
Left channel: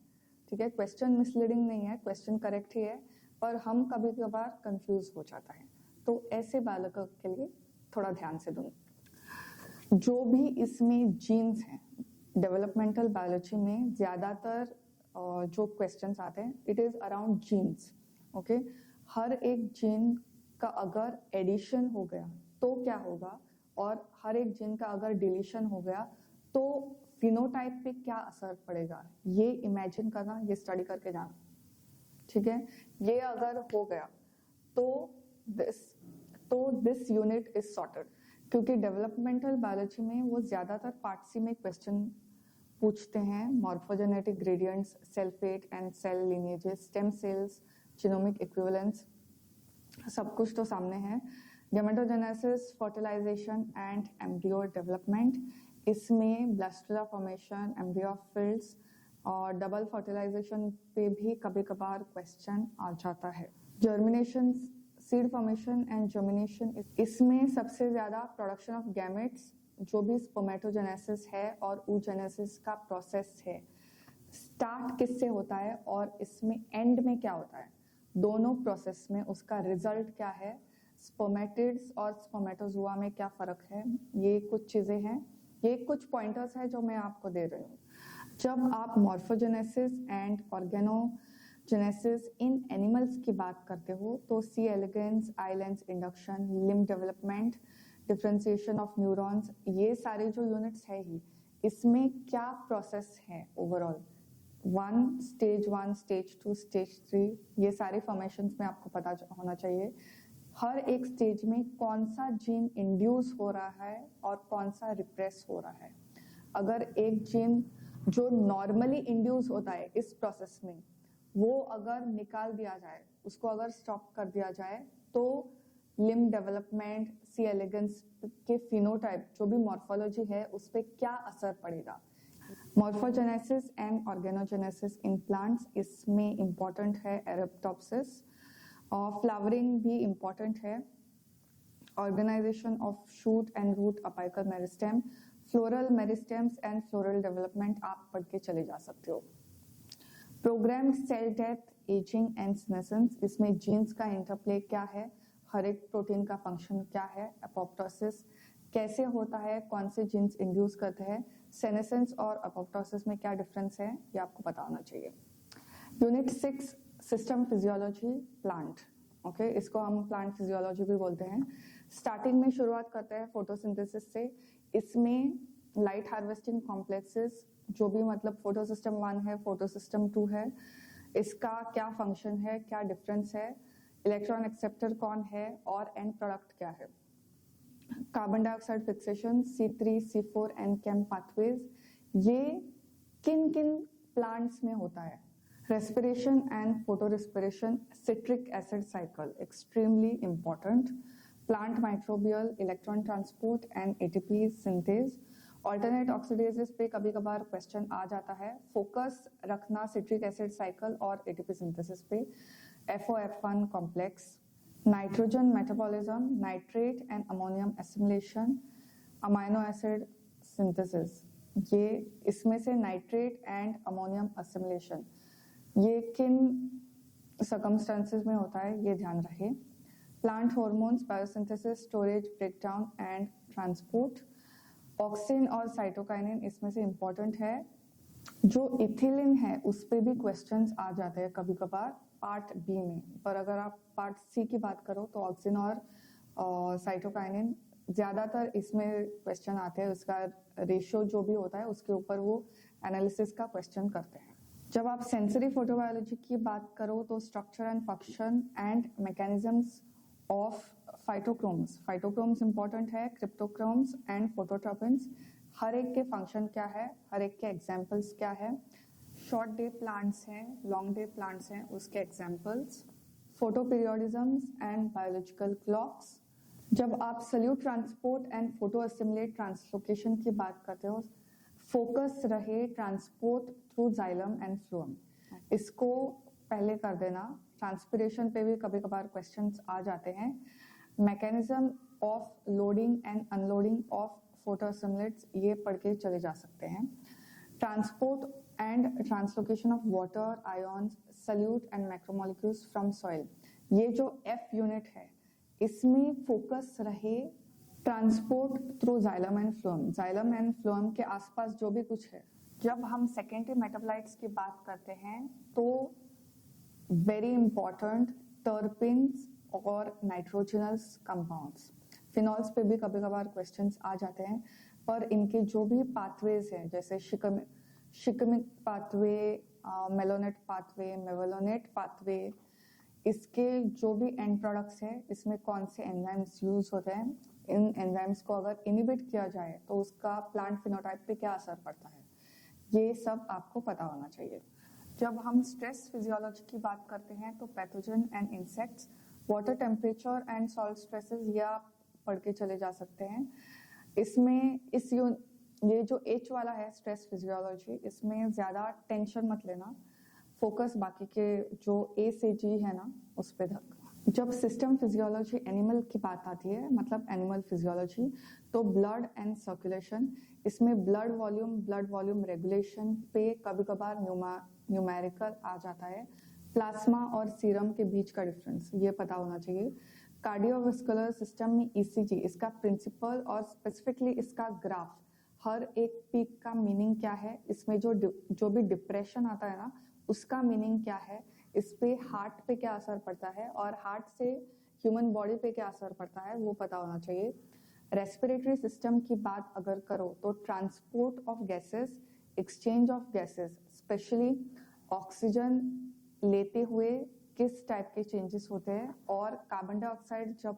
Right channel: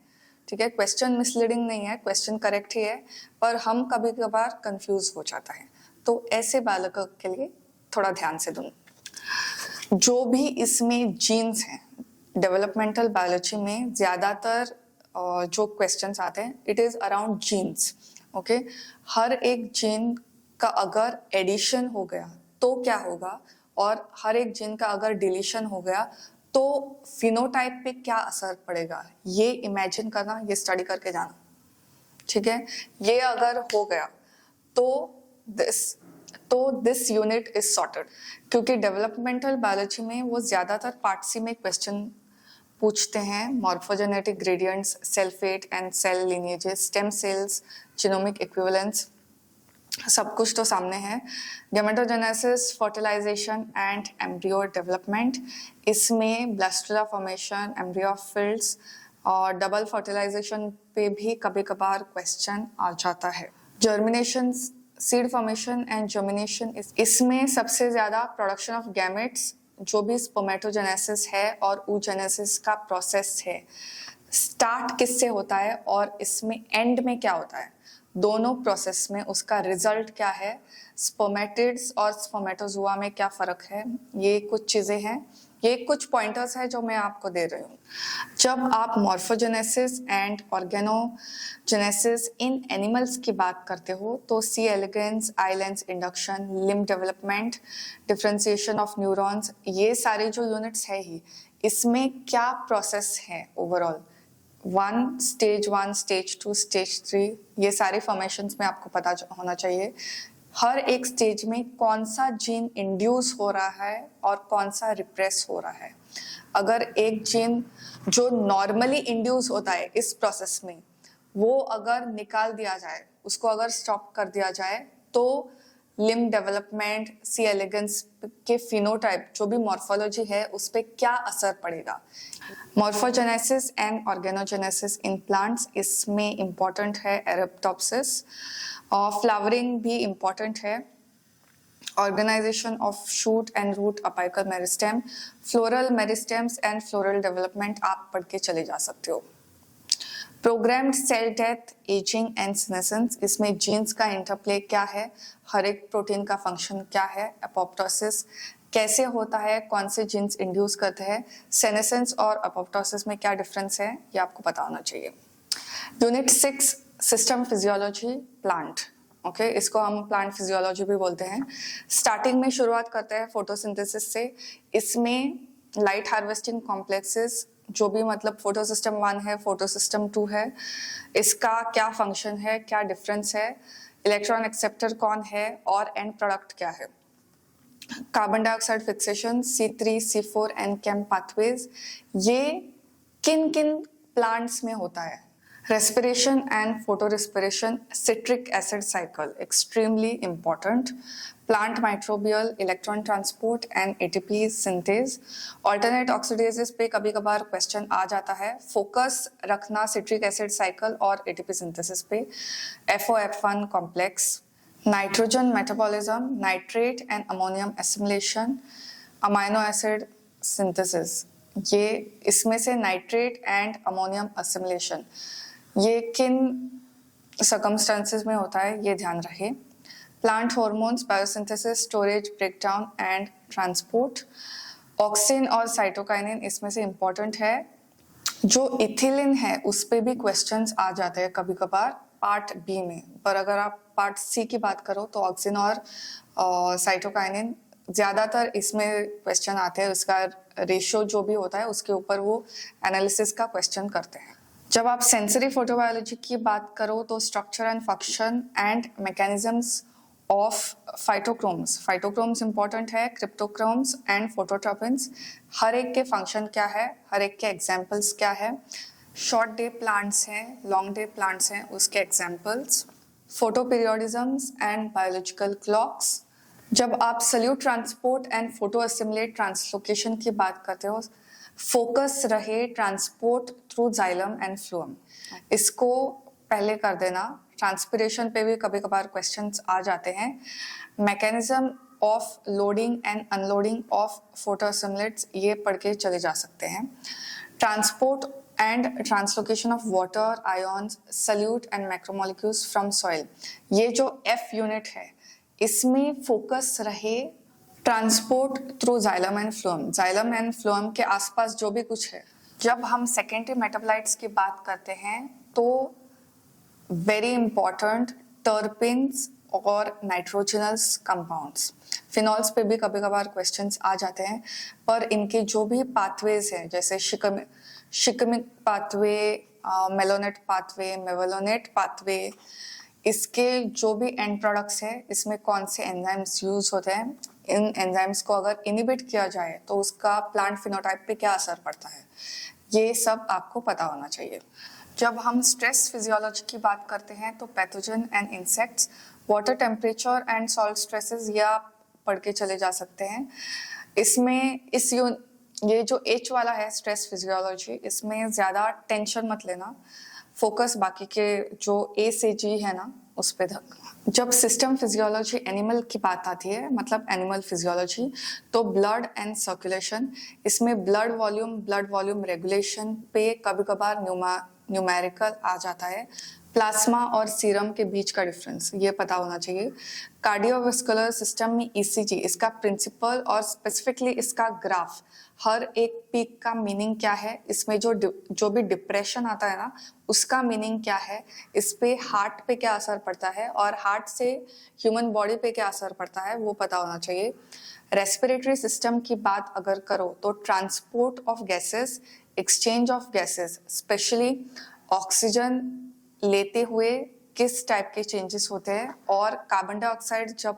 ठीक है, क्वेश्चन मिसलीडिंग नहीं है, क्वेश्चन करेक्ट ही है, पर हम कभी कभार कंफ्यूज हो जाता है, तो ऐसे बालकों के लिए थोड़ा ध्यान से दूं। जो भी इसमें जीन्स हैं, डेवलपमेंटल बायोलॉजी में ज्यादातर जो क्वेश्चंस आते हैं it is around genes. Okay, हर एक जीन का अगर एडिशन हो गया तो क्या होगा, और हर एक जीन का अगर डिलीशन हो गया तो फिनोटाइप पे क्या असर पड़ेगा, ये इमेजिन करना, ये स्टडी करके जाना। ठीक है, ये अगर हो गया तो दिस यूनिट इज सॉर्टेड, क्योंकि डेवलपमेंटल बायोलॉजी में वो ज्यादातर पार्ट सी में क्वेश्चन पूछते हैं। Morphogenetic gradients, cell fate and cell lineages, stem cells, genomic equivalence, सब कुछ तो सामने है। Gametogenesis, fertilisation and embryo development, इसमें ब्लास्टुला फॉर्मेशन, एम्ब्रियो फिल्ड्स और डबल फर्टिलाइजेशन पे भी कभी कभार क्वेश्चन आ जाता है। Germination, seed formation and germination, इसमें सबसे ज्यादा प्रोडक्शन ऑफ गैमेट्स, जो भी स्पर्मेटोजेनेसिस है और oogenesis का प्रोसेस है, स्टार्ट किससे होता है और इसमें एंड में क्या होता है, दोनों प्रोसेस में उसका रिजल्ट क्या है, स्पर्मेटिड्स और स्पर्मेटोजुआ में क्या फर्क है, ये कुछ चीजें हैं, ये कुछ पॉइंटर्स है जो मैं आपको दे रही हूँ। जब आप morphogenesis and organogenesis in animals की बात करते हो तो C elegans, islands induction, limb development, differentiation of neurons, ये सारे जो यूनिट्स है ही, इसमें क्या प्रोसेस है ओवरऑल, स्टेज 1, स्टेज 2, स्टेज 3, ये सारे फॉर्मेशंस में आपको पता होना चाहिए। हर एक स्टेज में कौन सा जीन इंड्यूस हो रहा है और कौन सा रिप्रेस हो रहा है। अगर एक जीन जो नॉर्मली इंड्यूस होता है इस प्रोसेस में, वो अगर निकाल दिया जाए, उसको अगर स्टॉप कर दिया जाए, तो लिम्ब डेवलपमेंट, सी एलिगेंस के फिनोटाइप, जो भी मॉर्फोलॉजी है, उस पर क्या असर पड़ेगा। Morphogenesis and organogenesis in plants, इसमें इंपॉर्टेंट है एरेप्टोप्सिस, और फ्लावरिंग भी इंपॉर्टेंट है, organisation of shoot and root apical meristem, floral meristems and floral development आप पढ़ के चले जा सकते हो। Programmed cell death, ageing and senescence, इसमें जीन्स का इंटरप्ले क्या है, हर एक प्रोटीन का फंक्शन क्या है, एपोप्टोसिस कैसे होता है, कौन से जीन्स इंड्यूस करते हैं, सेनेसेंस और एपोप्टोसिस में क्या डिफरेंस है, ये आपको पता होना चाहिए। Unit 6 system physiology plant, okay, इसको हम प्लांट फिजियोलॉजी भी बोलते हैं। स्टार्टिंग में शुरुआत करते हैं फोटोसिंथेसिस से। इसमें लाइट हार्वेस्टिंग कॉम्प्लेक्सेस, जो भी मतलब फोटो सिस्टम 1 है, फोटो सिस्टम 2 है, इसका क्या फंक्शन है, क्या डिफरेंस है, इलेक्ट्रॉन एक्सेप्टर कौन है और एंड प्रोडक्ट क्या है। Carbon dioxide fixation, C3, C4 and CAM pathways, ये किन किन प्लांट्स में होता है। Respiration and photorespiration, citric acid cycle extremely important. Plant microbial, electron transport and ATP synthase. Alternate oxidases पे कभी कभार क्वेश्चन आ जाता है, फोकस रखना सिट्रिक एसिड साइकिल और ATP सिंथेसिस पे। FOF1 complex, nitrogen metabolism, nitrate and ammonium assimilation, amino acid synthesis, ये इसमें से नाइट्रेट एंड अमोनियम एसिमिलेशन ये किन सर्कमस्टेंसेस में होता है, ये ध्यान रहे। Plant hormones, biosynthesis, storage, breakdown and transport. Auxin और साइटोकाइनिन इसमें से इंपॉर्टेंट है। जो इथिलीन है उस पे भी क्वेश्चंस आ जाते हैं कभी कभार पार्ट बी में, पर अगर आप पार्ट सी की बात करो तो ऑक्सिन और साइटोकाइनिन ज्यादातर इसमें क्वेश्चन आते हैं। उसका रेशियो जो भी होता है उसके ऊपर वो एनालिसिस का क्वेश्चन करते हैं। जब आप सेंसरी फोटोबायोलॉजी की बात करो तो structure and function and mechanisms of phytochromes important है, क्रिप्टोक्रोम्स एंड फोटोट्रोपिन्स, हर एक के फंक्शन क्या है, हर एक के एग्जाम्पल्स क्या है। शॉर्ट डे प्लांट्स हैं, लॉन्ग डे प्लांट्स हैं, उसके examples. Photoperiodisms and biological clocks. जब आप solute transport and photoassimilate translocation की बात करते हो, फोकस रहे transport through xylem and phloem, इसको पहले कर देना। ट्रांसपिरेशन पे भी कभी कभार क्वेश्चंस आ जाते हैं। Mechanism of loading and unloading of photo assimilates, ये पढ़ के चले जा सकते हैं। Transport and translocation of water, ions, solute and macromolecules from soil, ये जो F यूनिट है इसमें फोकस रहे transport through xylem and phloem, xylem and phloem के आसपास जो भी कुछ है। जब हम सेकेंडरी मेटाबोलाइट्स की बात करते हैं तो वेरी इंपॉर्टेंट टर्पिन्स और नाइट्रोजनस कंपाउंड्स। फिनॉल्स पे भी कभी कभार क्वेश्चंस आ जाते हैं, पर इनके जो भी पाथवेज हैं जैसे shikimic pathway, malonate pathway, mevalonate pathway, इसके जो भी एंड प्रोडक्ट्स है इसमें कौन से एंजाइम्स यूज होते हैं, इन एंजाइम्स को अगर इनिबिट किया जाए तो उसका प्लांट फिनोटाइप पे क्या असर पड़ता है, ये सब आपको पता होना चाहिए। जब हम स्ट्रेस फिजियोलॉजी की बात करते हैं तो pathogen and insects, water temperature and salt stresses, ये आप पढ़ के चले जा सकते हैं। इसमें ये जो H वाला है स्ट्रेस फिजियोलॉजी, इसमें ज़्यादा टेंशन मत लेना, फोकस बाकी के जो A से G है ना उस पे रखना। जब सिस्टम फिजियोलॉजी एनिमल की बात आती है, मतलब एनिमल फिजियोलॉजी, तो ब्लड एंड सर्कुलेशन, इसमें ब्लड वॉल्यूम रेगुलेशन पे कभी कभार न्यूमेरिकल आ जाता है। प्लाज्मा और सीरम के बीच का डिफरेंस ये पता होना चाहिए। कार्डियोवास्कुलर सिस्टम में ECG, इसका प्रिंसिपल और स्पेसिफिकली इसका ग्राफ, हर एक पीक का मीनिंग क्या है, इसमें जो भी डिप्रेशन आता है ना उसका मीनिंग क्या है, इस पे हार्ट पे क्या असर पड़ता है और हार्ट से ह्यूमन बॉडी पे क्या असर पड़ता है वो पता होना चाहिए। रेस्पिरेटरी सिस्टम की बात अगर करो तो transport of gases, exchange of gases, specially oxygen लेते हुए किस टाइप के चेंजेस होते हैं, और कार्बन डाइऑक्साइड जब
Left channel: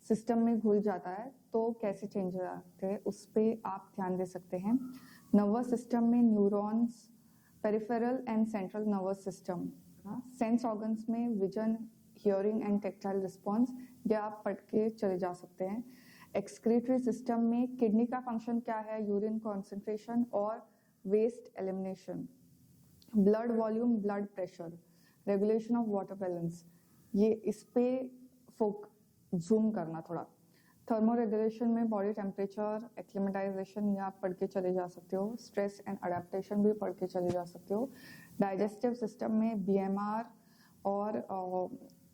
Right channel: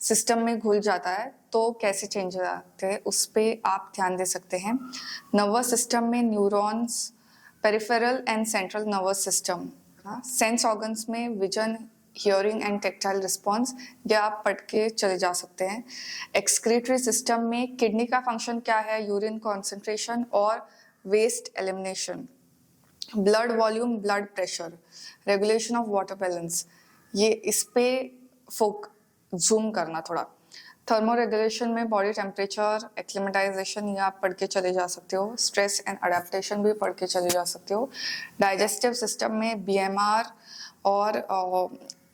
सिस्टम में घुल जाता है तो कैसे चेंज आते हैं, उस पर आप ध्यान दे सकते हैं। नर्वस सिस्टम में neurons, peripheral and central nervous system, sense organs में vision, hearing and tactile response, ये आप पढ़ के चले जा सकते हैं। एक्सक्रीटरी सिस्टम में किडनी का फंक्शन क्या है, यूरिन कॉन्सेंट्रेशन और waste elimination. Blood volume, blood pressure, regulation of water balance, ये इस पे जूम करना थोड़ा। थर्मो रेगुलेशन में बॉडी टेम्परेचर, एक्लिमेटाइजेशन ये आप पढ़ के चले जा सकते हो। स्ट्रेस एंड अडेप्टेशन भी पढ़ के चले जा सकते हो। डाइजेस्टिव सिस्टम में बीएमआर और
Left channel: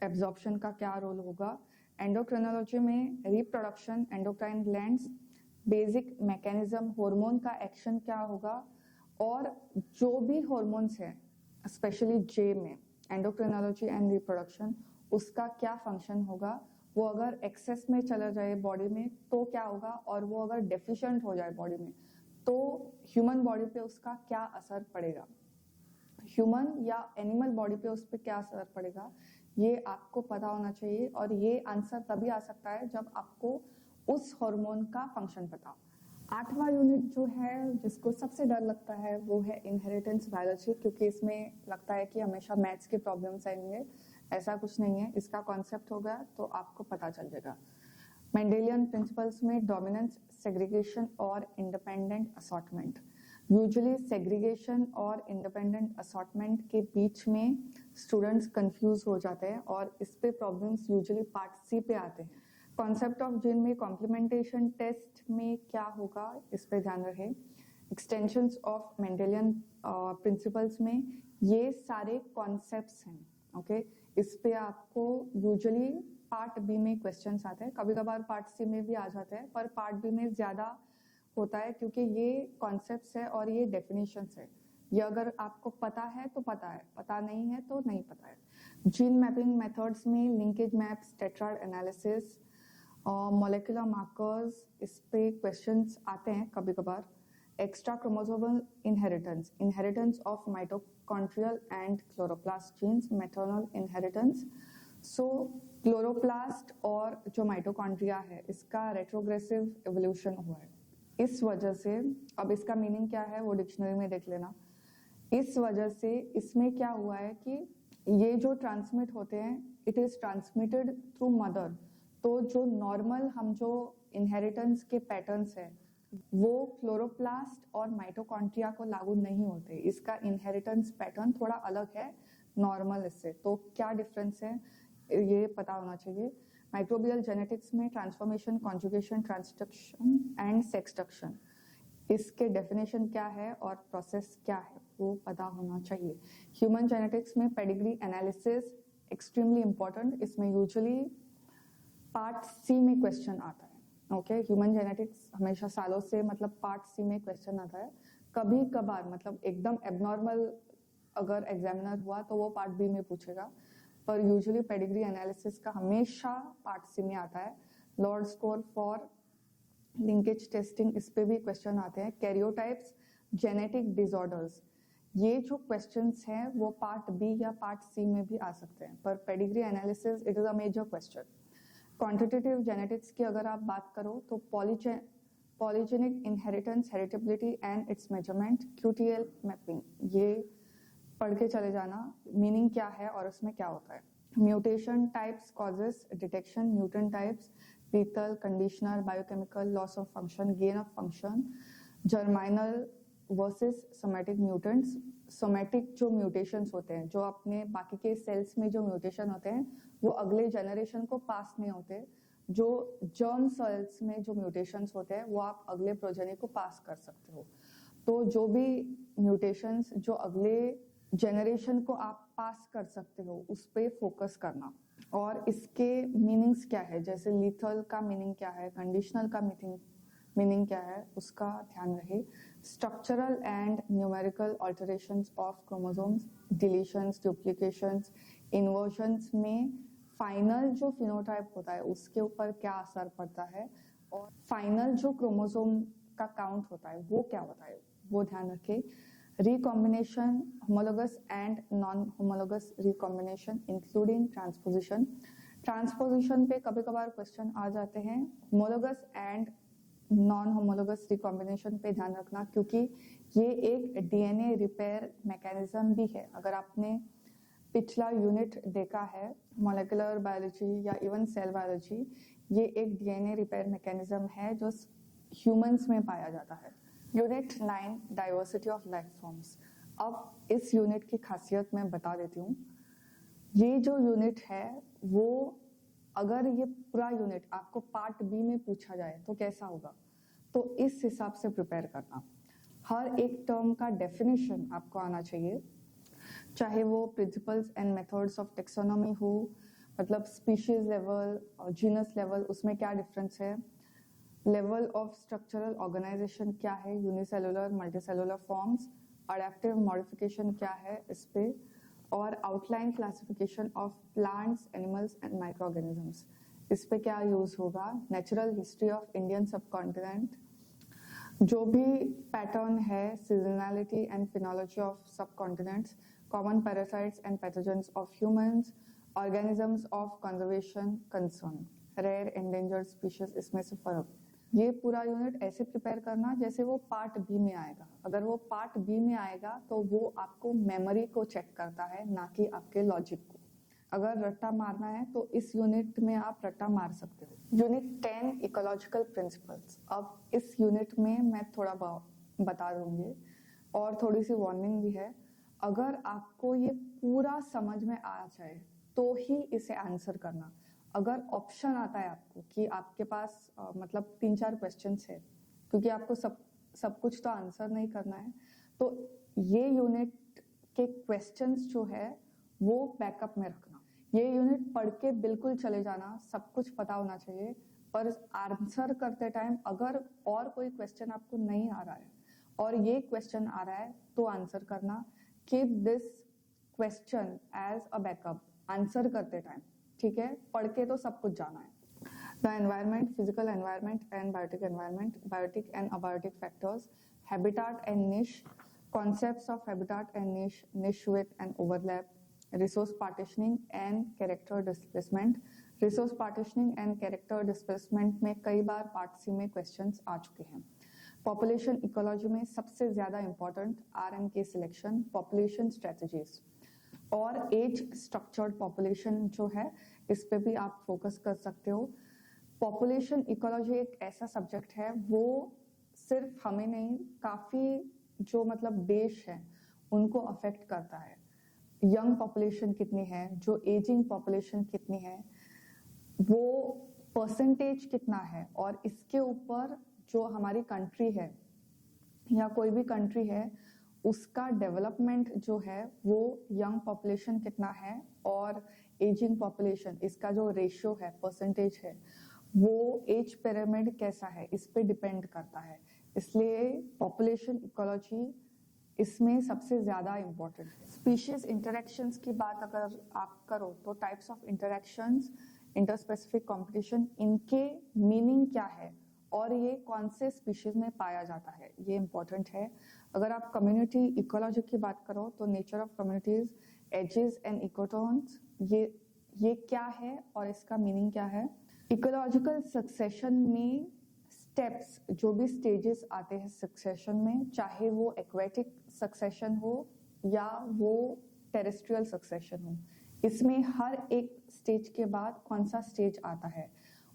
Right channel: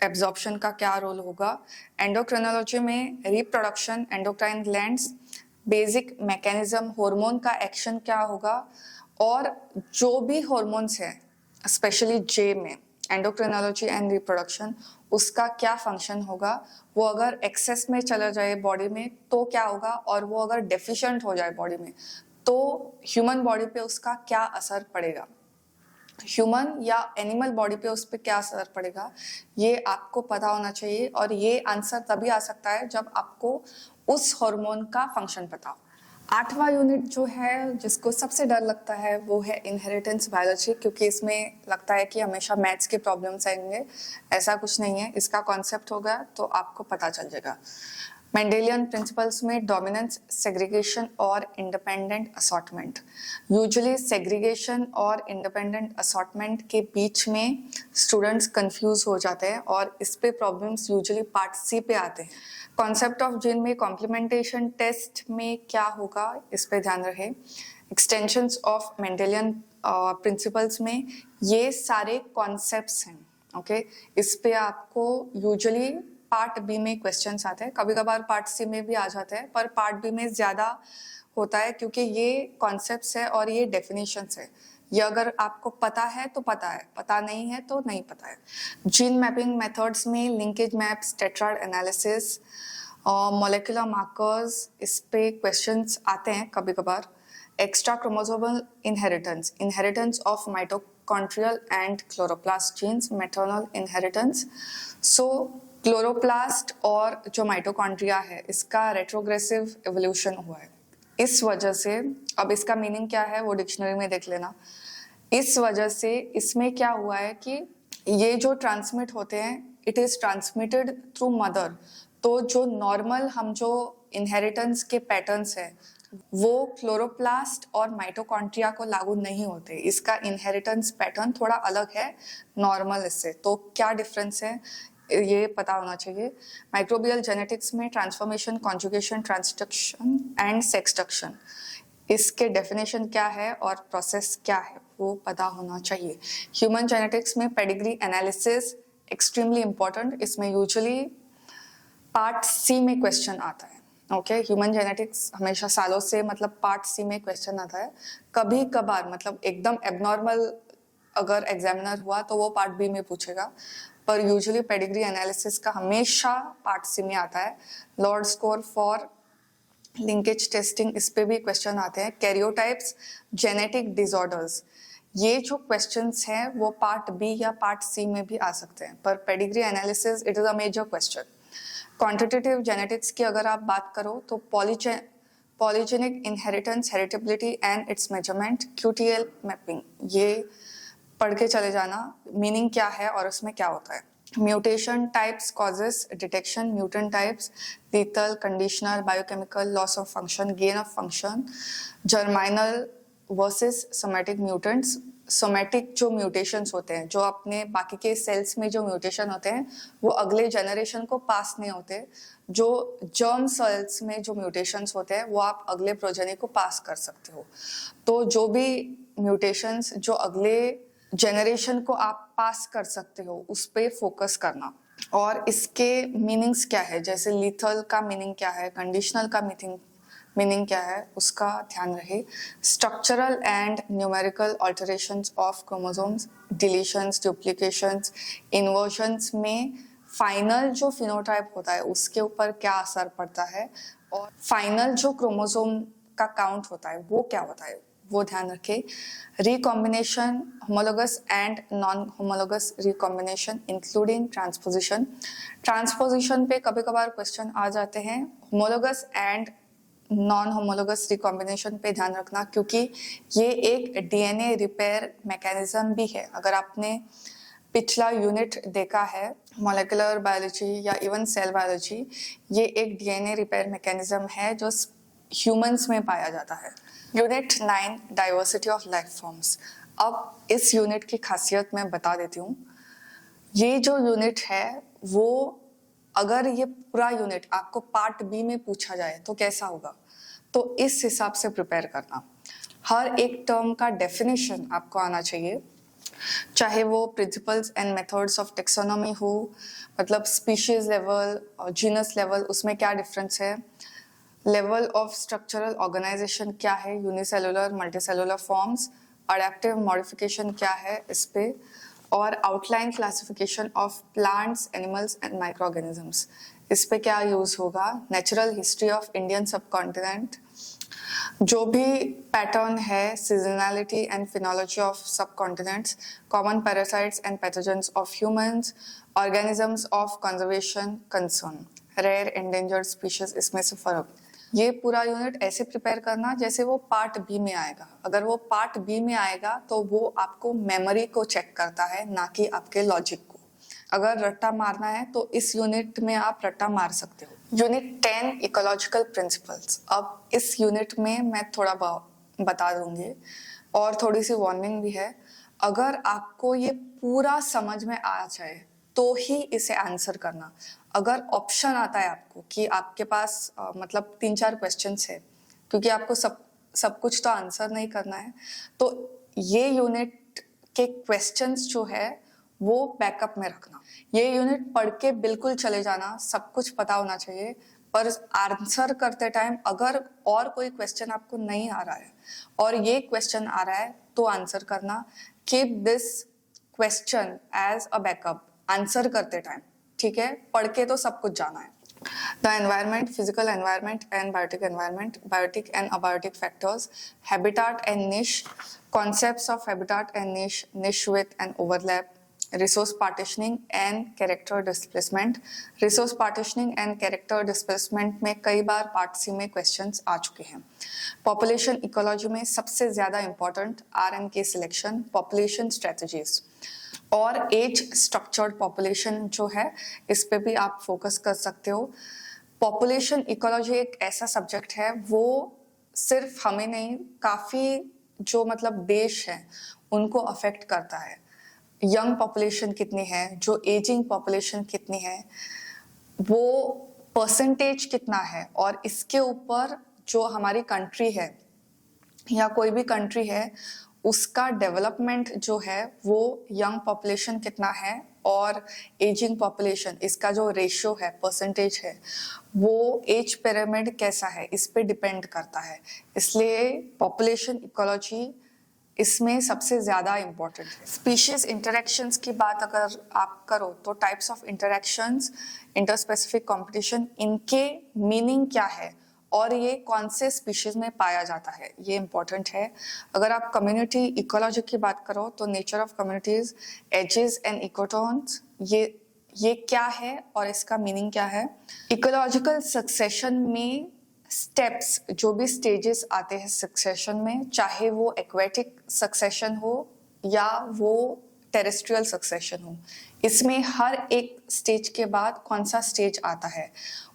एब्जॉर्प्शन का क्या रोल होगा। एंडोक्रिनोलॉजी में reproduction, endocrine glands, basic mechanism, hormone का एक्शन क्या होगा, और जो भी हार्मोन्स है स्पेशली जे में एंडोक्रिनोलॉजी एंड रिप्रोडक्शन, उसका क्या फंक्शन होगा, वो अगर एक्सेस में चला जाए बॉडी में तो क्या होगा, और वो अगर डेफिशिएंट हो जाए बॉडी में तो ह्यूमन बॉडी पे उसका क्या असर पड़ेगा, ह्यूमन या एनिमल बॉडी पे उस पर क्या असर पड़ेगा, ये आपको पता होना चाहिए। और ये आंसर तभी आ सकता है जब आपको उस हार्मोन का फंक्शन पता हो। 8वां यूनिट जो है जिसको सबसे डर लगता है वो है इनहेरिटेंस बायोलॉजी, क्योंकि इसमें लगता है कि हमेशा मैथ्स के प्रॉब्लम्स आएंगे। ऐसा कुछ नहीं है, इसका कॉन्सेप्ट होगा तो आपको पता चल जाएगा। मेंडेलियन प्रिंसिपल्स में डोमिनेंस, सेग्रीगेशन और इंडिपेंडेंट असॉर्टमेंट। यूजुअली सेग्रीगेशन और इंडिपेंडेंट असॉर्टमेंट के बीच में स्टूडेंट्स कंफ्यूज हो जाते हैं और इस पे प्रॉब्लम्स यूजुअली पार्ट सी पे आते हैं। कॉन्सेप्ट ऑफ जीन में कॉम्प्लीमेंटेशन टेस्ट में क्या होगा इस पे ध्यान रहे। एक्सटेंशंस ऑफ मेंडेलियन प्रिंसिपल्स में ये सारे कॉन्सेप्ट्स हैं। ओके, इस पे आपको यूजुअली पार्ट बी में क्वेश्चंस आते हैं, कभी कभार पार्ट सी में भी आ जाते हैं, पर पार्ट बी में ज्यादा होता है क्योंकि ये कॉन्सेप्ट्स है और ये डेफिनेशंस है। ये अगर आपको पता है तो पता है, पता नहीं है तो नहीं पता है। जीन मैपिंग मेथड्स में linkage maps, tetrad analysis, molecular markers, इस पे क्वेश्चंस आते हैं कभी कभार। Extra chromosomal inheritance, inheritance of mitochondrial and chloroplast genes, maternal inheritance. So chloroplast और जो माइटोकॉन्ड्रिया है इसका रेट्रोग्रेसिव एवोल्यूशन हुआ है। इस वजह से, अब इसका मीनिंग क्या है वो डिक्शनरी में देख लेना। इस वजह से इसमें क्या हुआ है कि ये जो ट्रांसमिट होते हैं, it is transmitted through mother. तो जो नॉर्मल हम जो इनहेरिटेंस के पैटर्न्स है वो क्लोरोप्लास्ट और माइटोकॉन्ड्रिया को लागू नहीं होते। इसका इनहेरिटेंस पैटर्न थोड़ा अलग है नॉर्मल इससे। तो क्या डिफरेंस है ये पता होना चाहिए। माइक्रोबियल जेनेटिक्स में ट्रांसफॉर्मेशन, कॉन्जुगेशन, ट्रांसडक्शन एंड सेक्सडक्शन, इसके डेफिनेशन क्या है और प्रोसेस क्या है वो पता होना चाहिए। ह्यूमन जेनेटिक्स में पेडिग्री एनालिसिस एक्सट्रीमली इंपॉर्टेंट, इसमें यूजुअली पार्ट सी में क्वेश्चन आता है। ओके, ह्यूमन जेनेटिक्स हमेशा सालों से मतलब पार्ट सी में क्वेश्चन आता है। कभी कभार मतलब एकदम एबनॉर्मल अगर एग्जामिनर हुआ तो वो पार्ट बी में पूछेगा, पर यूजुअली पेडिग्री एनालिसिस का हमेशा पार्ट सी में आता है। Lord score for linkage testing, इस पे भी क्वेश्चन आते हैं। कैरियोटाइप्स, जेनेटिक डिसऑर्डर्स, ये जो क्वेश्चंस हैं वो पार्ट बी या पार्ट सी में भी आ सकते हैं, पर pedigree analysis it is a major question. Quantitative genetics की अगर आप बात करो तो polygenic inheritance, heritability and its measurement, QTL mapping, ये पढ़ के चले जाना मीनिंग क्या है और उसमें क्या होता है। Mutation types, causes, detection, mutant types, lethal, conditional, biochemical, loss of function, gain of function, germinal versus somatic mutants. Somatic जो म्यूटेशंस होते हैं, जो अपने बाकी के सेल्स में जो म्यूटेशन होते हैं वो अगले जनरेशन को पास नहीं होते। जो जर्म सेल्स में जो म्यूटेशंस होते हैं वो आप अगले प्रोजेनी को पास कर सकते हो। तो जो भी म्यूटेशंस जो अगले जनरेशन को आप पास कर सकते हो उस पे फोकस करना। और इसके मीनिंग्स क्या है, जैसे लीथल का मीनिंग क्या है, कंडीशनल का मीनिंग क्या है, उसका ध्यान रहे। Structural and numerical alterations of chromosomes, deletions, duplications, इन्वर्जन्स में फाइनल जो फिनोटाइप होता है उसके ऊपर क्या असर पड़ता है, और फाइनल जो क्रोमोसोम का काउंट होता है वो क्या होता है वो ध्यान रखें। Recombination, homologous and non homologous recombination including transposition. Transposition पे कभी कभार क्वेश्चन आ जाते हैं। Homologous and non homologous recombination पे ध्यान रखना, क्योंकि ये एक DNA रिपेयर मैकेनिज्म भी है। अगर आपने पिछला यूनिट देखा है मॉलिक्यूलर बायोलॉजी या इवन सेल बायोलॉजी, ये एक DNA रिपेयर मैकेनिज्म है जो ह्यूमंस में पाया जाता है। Unit 9, diversity of life forms. अब इस यूनिट की खासियत मैं बता देती हूँ। ये जो यूनिट है वो अगर ये पूरा यूनिट आपको पार्ट बी में पूछा जाए तो कैसा होगा, तो इस हिसाब से प्रिपेयर करना। हर एक टर्म का डेफिनेशन आपको आना चाहिए, चाहे वो principles and methods of taxonomy हो, मतलब स्पीशीज लेवल और जीनस लेवल, उसमें क्या डिफरेंस है, लेवल ऑफ स्ट्रक्चरल ऑर्गेनाइजेशन क्या है, unicellular multicellular forms, adaptive modification क्या है इस पे, और outline classification of plants, animals and microorganisms, इस पे क्या यूज होगा, natural history of Indian subcontinent, जो भी पैटर्न है, seasonality and phenology of subcontinents, common parasites and pathogens of humans, organisms of conservation concern, rare endangered species, इसमें से फर्क। ये पूरा यूनिट ऐसे प्रिपेयर करना जैसे वो पार्ट बी में आएगा। अगर वो पार्ट बी में आएगा तो वो आपको मेमोरी को चेक करता है, ना कि आपके लॉजिक को। अगर रट्टा मारना है तो इस यूनिट में आप रट्टा मार सकते हो। Unit 10 ecological principles. अब इस यूनिट में मैं थोड़ा बता दूंगी और थोड़ी सी वार्निंग भी है। अगर आपको ये पूरा समझ में आ जाए तो ही इसे आंसर करना। अगर ऑप्शन आता है आपको कि आपके पास मतलब 3-4 क्वेश्चंस है, क्योंकि आपको सब कुछ तो आंसर नहीं करना है, तो ये यूनिट के क्वेश्चंस जो है वो बैकअप में रखना। ये यूनिट पढ़ के बिल्कुल चले जाना, सब कुछ पता होना चाहिए, पर आंसर करते टाइम अगर और कोई क्वेश्चन आपको नहीं आ रहा है और ये क्वेश्चन आ रहा है तो आंसर करना। Keep this question as a backup answer करते टाइम, ठीक है? पढ़ के तो सब कुछ जाना है। The environment, physical environment and biotic environment, biotic and abiotic factors, habitat and niche, concepts of habitat and niche, niche width and overlap, resource partitioning and character displacement. Resource partitioning and character displacement में कई बार part C में questions आ चुके हैं। Population ecology में सबसे ज्यादा important RNK selection, population strategies और as structured population जो है, इस पे भी आप फोकस कर सकते हो। पॉपुलेशन इकोलॉजी एक ऐसा सब्जेक्ट है, वो सिर्फ हमें नहीं, काफी जो मतलब देश है उनको अफेक्ट करता है। यंग पॉपुलेशन कितनी है, जो एजिंग पॉपुलेशन कितनी है, वो परसेंटेज कितना है, और इसके ऊपर जो हमारी कंट्री है या कोई भी कंट्री है उसका डेवलपमेंट जो है वो यंग पॉपुलेशन कितना है और एजिंग पॉपुलेशन, इसका जो रेशियो है, परसेंटेज है, वो एज पिरामिड कैसा है, इस पे डिपेंड करता है। इसलिए पॉपुलेशन इकोलॉजी इसमें सबसे ज्यादा इंपॉर्टेंट है। स्पीशीज इंटरेक्शंस की बात अगर आप करो तो types of interactions, interspecific competition, इनके मीनिंग क्या है और ये कौन से स्पीशीज में पाया जाता है, ये इंपॉर्टेंट है। अगर आप कम्युनिटी इकोलॉजी की बात करो तो nature of communities, edges and ecotones, ये क्या है और इसका मीनिंग क्या है। इकोलॉजिकल सक्सेशन में स्टेप्स, जो भी स्टेजेस आते हैं सक्सेशन में, चाहे वो एक्वेटिक सक्सेशन हो या वो टेरेस्ट्रियल सक्सेशन हो, इसमें हर एक स्टेज के बाद कौन सा स्टेज आता है,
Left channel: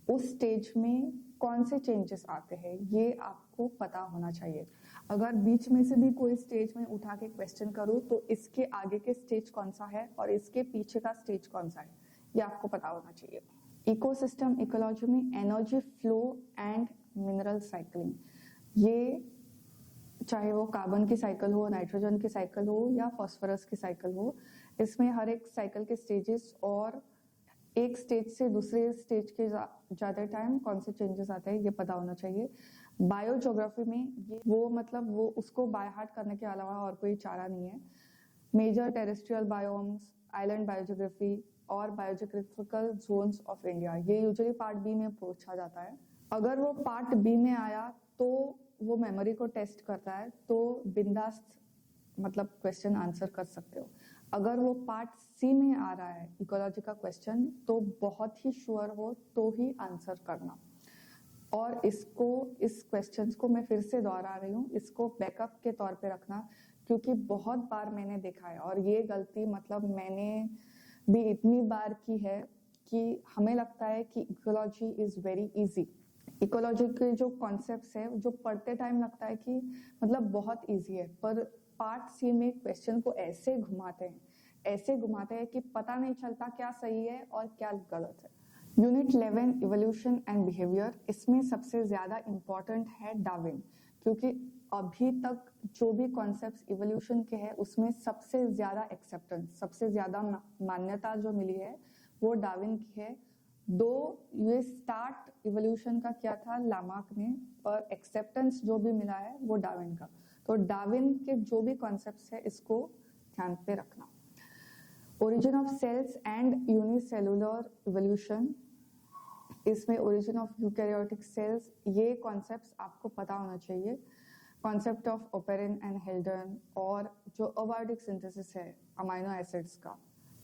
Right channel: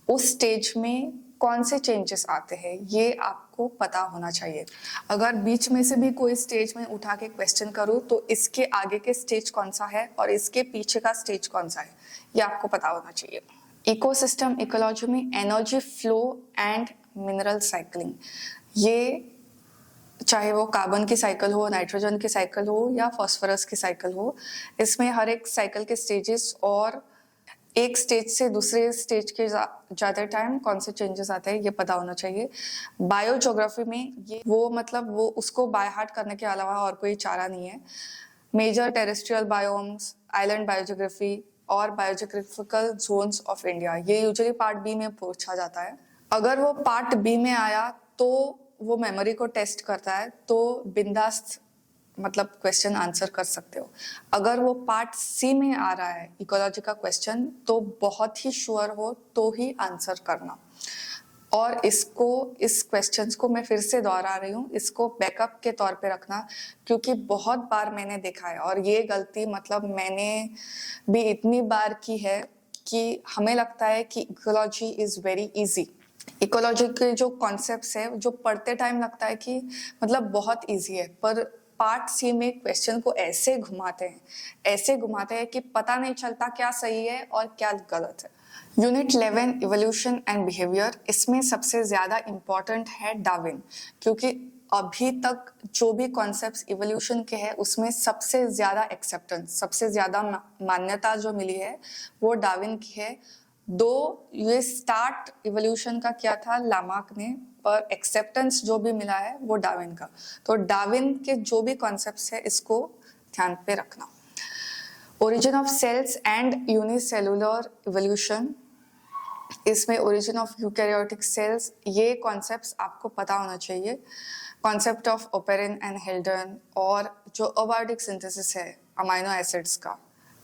उस स्टेज में कौन से चेंजेस आते हैं, ये आपको पता होना चाहिए। अगर बीच में से भी कोई स्टेज में उठा के क्वेश्चन करूँ तो इसके आगे के स्टेज कौन सा है और इसके पीछे का स्टेज कौन सा है, ये आपको पता होना चाहिए। इकोसिस्टम इकोलॉजी में energy flow and mineral cycling, ये चाहे वो कार्बन की साइकिल हो, नाइट्रोजन की साइकिल हो या फास्फोरस की साइकिल हो, इसमें हर एक साइकिल के स्टेजेस और एक स्टेज से दूसरे स्टेज के जाते टाइम कौन से चेंजेस आते हैं, ये पता होना चाहिए। बायोज्योग्राफी में ये वो मतलब वो उसको बाय हार्ट करने के अलावा और कोई चारा नहीं है। मेजर टेरेस्ट्रियल बायोम्स, आइलैंड बायोज्योग्राफी और बायोज्योग्राफिकल जोन्स ऑफ इंडिया, ये यूजुअली पार्ट बी में पूछा जाता है। अगर वो पार्ट बी में आया तो वो मेमोरी को टेस्ट करता है, तो बिंदास मतलब क्वेश्चन आंसर कर सकते हो। अगर वो पार्ट सी में आ रहा है इकोलॉजी का क्वेश्चन, तो बहुत ही श्योर हो तो ही आंसर करना। और इस क्वेश्चंस को मैं फिर से दोहरा रही हूँ, इसको बैकअप के तौर पे रखना, क्योंकि बहुत बार मैंने देखा है और ये गलती मतलब मैंने भी इतनी बार की है कि हमें लगता है कि ecology is very easy. Ecology के जो कॉन्सेप्ट्स है, जो पढ़ते टाइम लगता है कि मतलब बहुत इजी है, पर पार्ट सी में क्वेश्चन को ऐसे घुमाते हैं कि पता नहीं चलता क्या सही है और क्या गलत है। यूनिट 11 इवोल्यूशन एंड बिहेवियर, इसमें सबसे ज़्यादा इम्पॉर्टेंट है डार्विन, क्योंकि अभी तक जो भी कॉन्सेप्ट्स इवोल्यूशन के हैं उसमें सबसे ज़्यादा एक्सेप्टेंस, सबसे ज़्यादा मान्यता जो मिली है वो डार्विन की है। दो ये स्टार्ट इवोल्यूशन का क्या था लामार्क ने, पर एक्सेप्टेंस जो भी मिला है वो डार्विन का। तो डार्विन के जो भी कॉन्सेप्ट्स है इसको ध्यान पे रखना। Origin of cells and unicellular evolution, इसमें ओरिजिन ऑफ यूकैरियोटिक सेल्स, ये कॉन्सेप्ट्स आपको पता होना चाहिए। Concept of Oparin and Haldane, और जो अबायोटिक सिंथेसिस है अमाइनो एसिड्स का।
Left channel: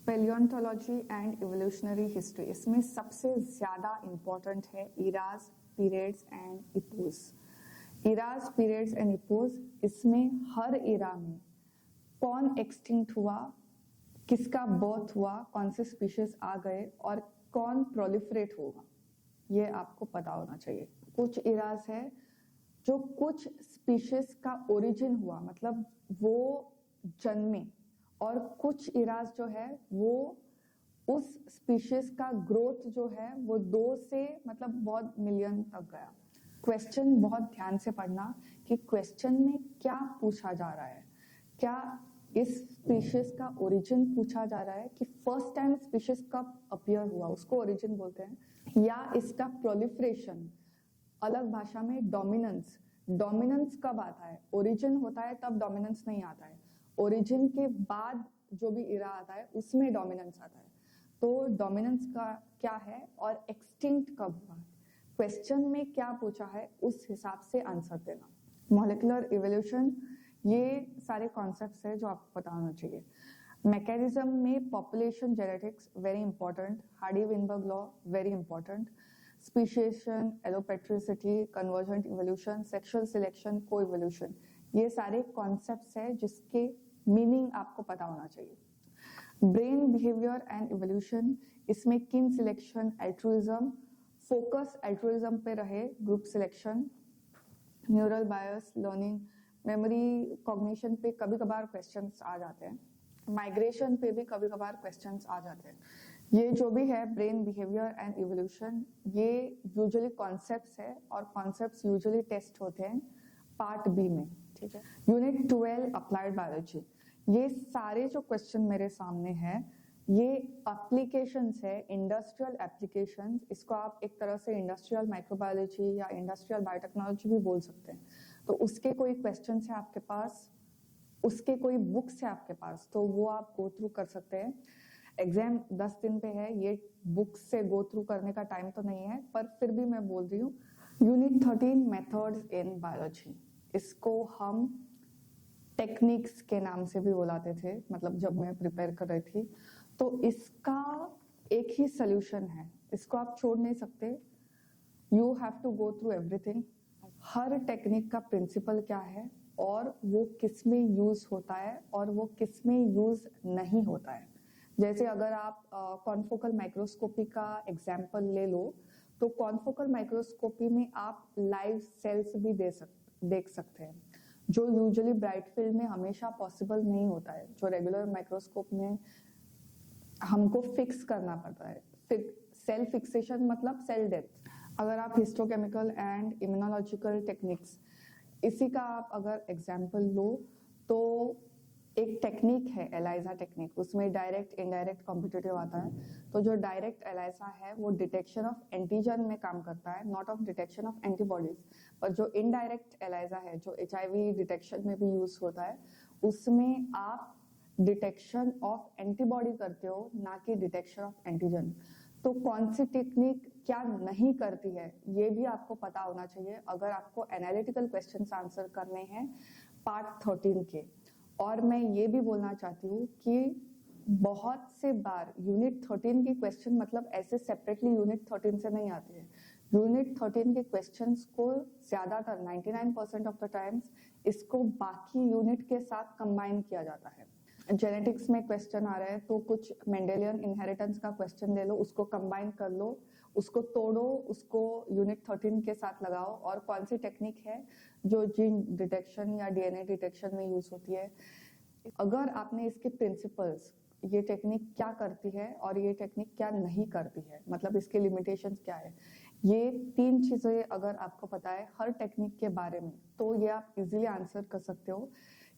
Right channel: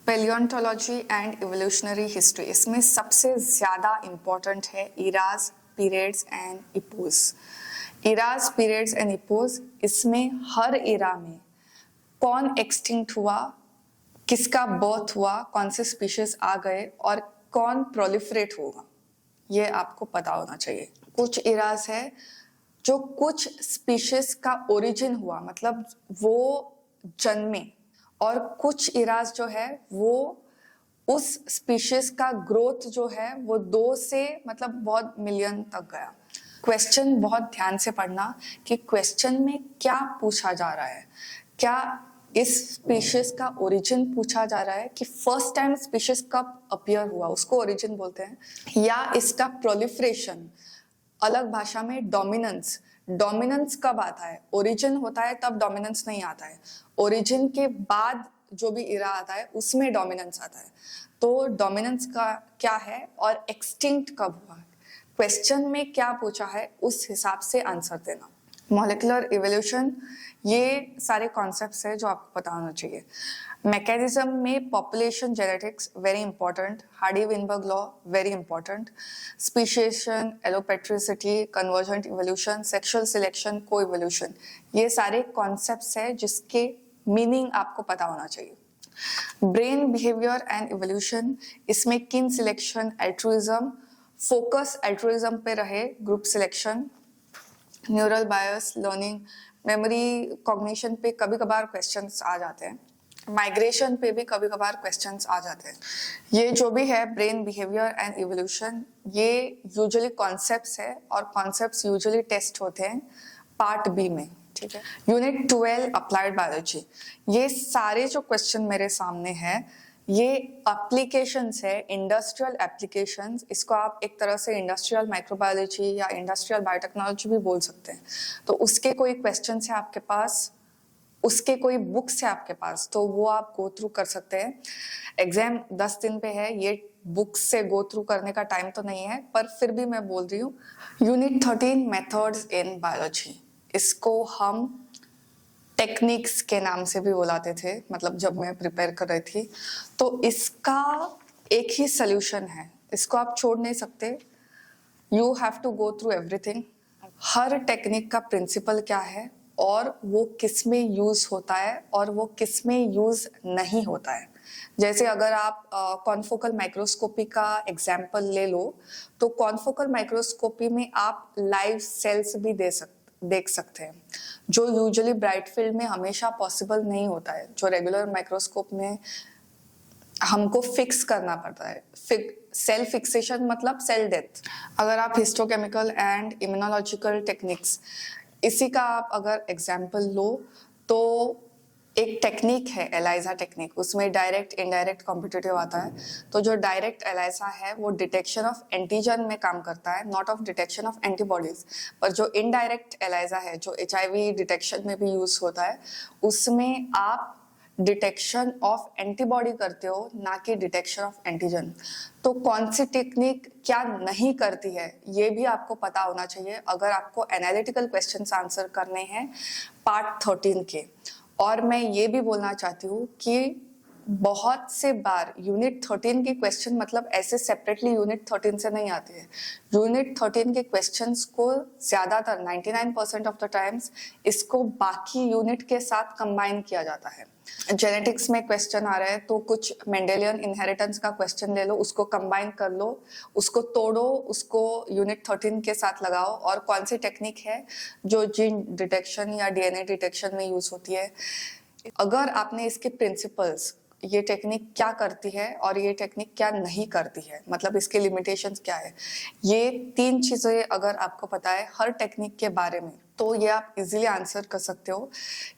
पैलियोंटोलॉजी एंड इवोल्यूशनरी हिस्ट्री, इसमें सबसे ज़्यादा इम्पॉर्टेंट है eras, periods and epochs. Eras, periods and epochs, इसमें हर इरा में कौन एक्सटिंक्ट हुआ, किसका बर्थ हुआ, कौन से स्पीशीज आ गए और कौन प्रोलिफरेट होगा, ये आपको पता होना चाहिए। कुछ इराज है जो कुछ स्पीशीज का ओरिजिन हुआ, मतलब वो जन्मे, और कुछ इराज जो है वो उस स्पीशीज का ग्रोथ जो है वो 2 से मतलब बहुत मिलियन तक गया। क्वेश्चन बहुत ध्यान से पढ़ना कि क्वेश्चन में क्या पूछा जा रहा है। क्या इस स्पीशीज का ओरिजिन पूछा जा रहा है कि फर्स्ट टाइम स्पीशीज कब अपीयर हुआ, उसको ओरिजिन बोलते हैं, या इसका प्रोलिफरेशन, अलग भाषा में डोमिनेंस, डोमिनेंस कब आता है, ओरिजिन होता है तब डोमिनेंस नहीं आता है, ओरिजिन के बाद जो भी इरा आता है उसमें डोमिनेंस आता है। तो डोमिनेंस का क्या है और एक्सटिंक्ट कब हुआ, क्वेश्चन में क्या पूछा है उस हिसाब से आंसर देना। मॉलिक्यूलर इवोल्यूशन, ये सारे कॉन्सेप्ट्स है जो आपको पता होना चाहिए। मैकेनिज्म में population genetics very important, Hardy Weinberg law very important, speciation, allopatricity, convergent evolution, sexual selection, coevolution, ये सारे कॉन्सेप्ट्स है जिसके मीनिंग आपको पता होना चाहिए। ब्रेन बिहेवियर एंड इवोल्यूशन, इसमें किन सिलेक्शन, एल्ट्रुइज्म, फोकस एल्ट्रुइज्म पे रहे, ग्रुप सिलेक्शन, न्यूरल बायस, लर्निंग, मेमोरी, कॉग्निशन पे कभी कभार क्वेश्चंस आ जाते हैं, माइग्रेशन पे भी कभी कभार क्वेश्चंस आ जाते हैं। ये जो भी है ब्रेन बिहेवियर एंड इवोल्यूशन, ये यूजुअली कॉन्सेप्ट्स है और कॉन्सेप्ट्स यूजुअली टेस्ट होते हैं पार्ट बी में, ठीक है। यूनिट 12 अप्लाइड बायोलॉजी, ये सारे जो क्वेश्चन मेरे सामने हैं ये एप्लीकेशंस है, इंडस्ट्रियल एप्लीकेशंस, इसको आप एक तरह से इंडस्ट्रियल माइक्रोबायोलॉजी या इंडस्ट्रियल बायोटेक्नोलॉजी भी बोल सकते हैं। तो उसके कोई क्वेश्चन है आपके पास, उसके कोई बुक्स है आपके पास, तो वो आप गो थ्रू कर सकते हैं। एग्जाम 10 दिन पे है, ये बुक्स से गो थ्रू करने का टाइम तो नहीं है, पर फिर भी मैं बोल रही हूँ। यूनिट 13 मेथड्स इन बायोलॉजी, इसको हम टेक्निक्स के नाम से भी बुलाते थे, मतलब जब मैं प्रिपेयर कर रही थी। तो इसका एक ही सोल्यूशन है, इसको आप छोड़ नहीं सकते। You have to go through everything, हर टेक्निक का प्रिंसिपल क्या है और वो किस में यूज होता है और वो किस में यूज नहीं होता है। जैसे अगर आप कॉन्फोकल माइक्रोस्कोपी का एग्जाम्पल ले लो, तो कॉन्फोकल माइक्रोस्कोपी में आप लाइव सेल्स भी देख सकते हैं, जो यूजुअली ब्राइट फील्ड में हमेशा पॉसिबल नहीं होता है, जो रेगुलर माइक्रोस्कोप में हमको फिक्स करना पड़ता है। सेल फिक्सेशन मतलब सेल डेथ। अगर आप हिस्टोकेमिकल एंड इम्यूनोलॉजिकल टेक्निक्स, इसी का आप अगर एग्जाम्पल लो, तो एक टेक्निक है एलाइजा टेक्निक, उसमें डायरेक्ट इनडायरेक्ट कॉम्पिटिटिव आता है। तो जो डायरेक्ट एलाइजा है वो डिटेक्शन ऑफ एंटीजन में काम करता है, not of detection of antibodies. पर जो इनडायरेक्ट एलाइजा है, जो HIV डिटेक्शन में भी यूज होता है, उसमें आप डिटेक्शन ऑफ एंटीबॉडी करते हो, ना कि डिटेक्शन ऑफ एंटीजन। तो कौन सी टेक्निक क्या नहीं करती है ये भी आपको पता होना चाहिए अगर आपको एनालिटिकल क्वेश्चंस आंसर करने हैं पार्ट 13 के। और मैं ये भी बोलना चाहती हूँ कि बहुत से बार यूनिट 13 के क्वेश्चन मतलब ऐसे सेपरेटली यूनिट 13 से नहीं आते हैं। यूनिट 13 के क्वेश्चंस को ज्यादातर 99% ऑफ द टाइम्स इसको बाकी यूनिट के साथ कंबाइन किया जाता है। जेनेटिक्स में क्वेश्चन आ रहा है तो कुछ मेंडेलियन इनहेरिटेंस का क्वेश्चन ले लो, उसको कंबाइन कर लो, उसको तोड़ो, उसको यूनिट 13 के साथ लगाओ, और कौन सी टेक्निक है जो जीन डिटेक्शन या DNA डिटेक्शन में यूज होती है। अगर आपने इसके प्रिंसिपल्स ये टेक्निक क्या करती है और ये टेक्निक क्या नहीं करती है, मतलब इसके लिमिटेशंस क्या है। ये 3 चीजें अगर आपको पता है हर टेक्निक के बारे में, तो ये आप इजीली आंसर कर सकते हो।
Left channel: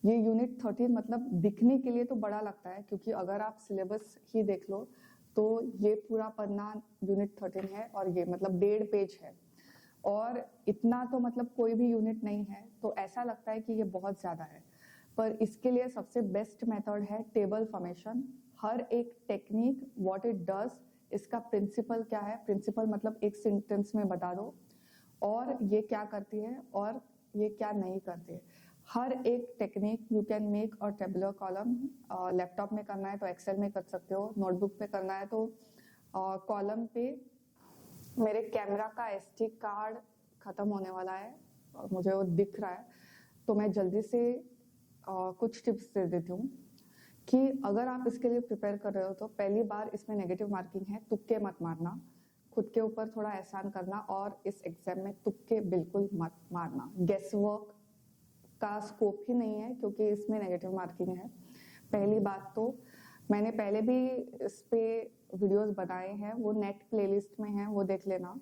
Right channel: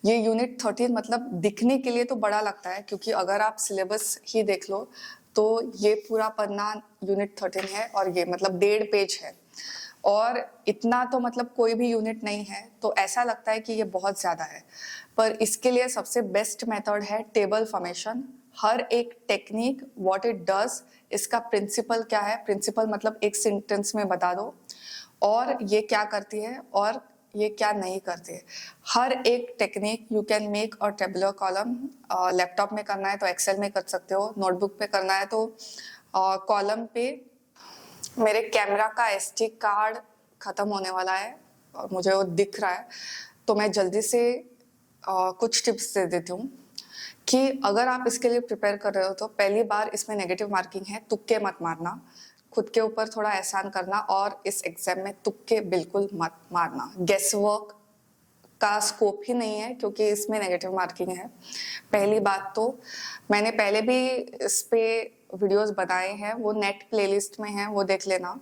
ये यूनिट 13 मतलब दिखने के लिए तो बड़ा लगता है, क्योंकि अगर आप सिलेबस ही देख लो तो ये पूरा पन्ना यूनिट 13 है और ये मतलब 1.5 पेज है, और इतना तो मतलब कोई भी यूनिट नहीं है, तो ऐसा लगता है कि ये बहुत ज्यादा है। पर इसके लिए सबसे बेस्ट मेथड है टेबल फॉर्मेशन। हर एक टेक्निक व्हाट इट डज, इसका प्रिंसिपल क्या है, प्रिंसिपल मतलब एक सेंटेंस में बता दो, और ये क्या करती है और ये क्या नहीं करती है। हर एक टेक्निक यू कैन मेक और टेबुलर कॉलम। लैपटॉप में करना है तो एक्सेल में कर सकते हो, नोटबुक पे करना है तो कॉलम पे। मेरे कैमरा का SD कार्ड खत्म होने वाला है और मुझे वो दिख रहा है, तो मैं जल्दी से कुछ टिप्स दे देती हूँ कि अगर आप इसके लिए प्रिपेयर कर रहे हो तो पहली बार इसमें नेगेटिव मार्किंग है, तुक्के मत मारना, खुद के ऊपर थोड़ा एहसान करना, और इस एग्जाम में तुक्के बिल्कुल मत मारना। गेस वर्क का स्कोप ही नहीं है, क्योंकि इसमें नेगेटिव मार्किंग है। पहली बात तो मैंने पहले भी इस पे वीडियोस बनाए हैं, वो नेट प्लेलिस्ट में है, वो देख लेना।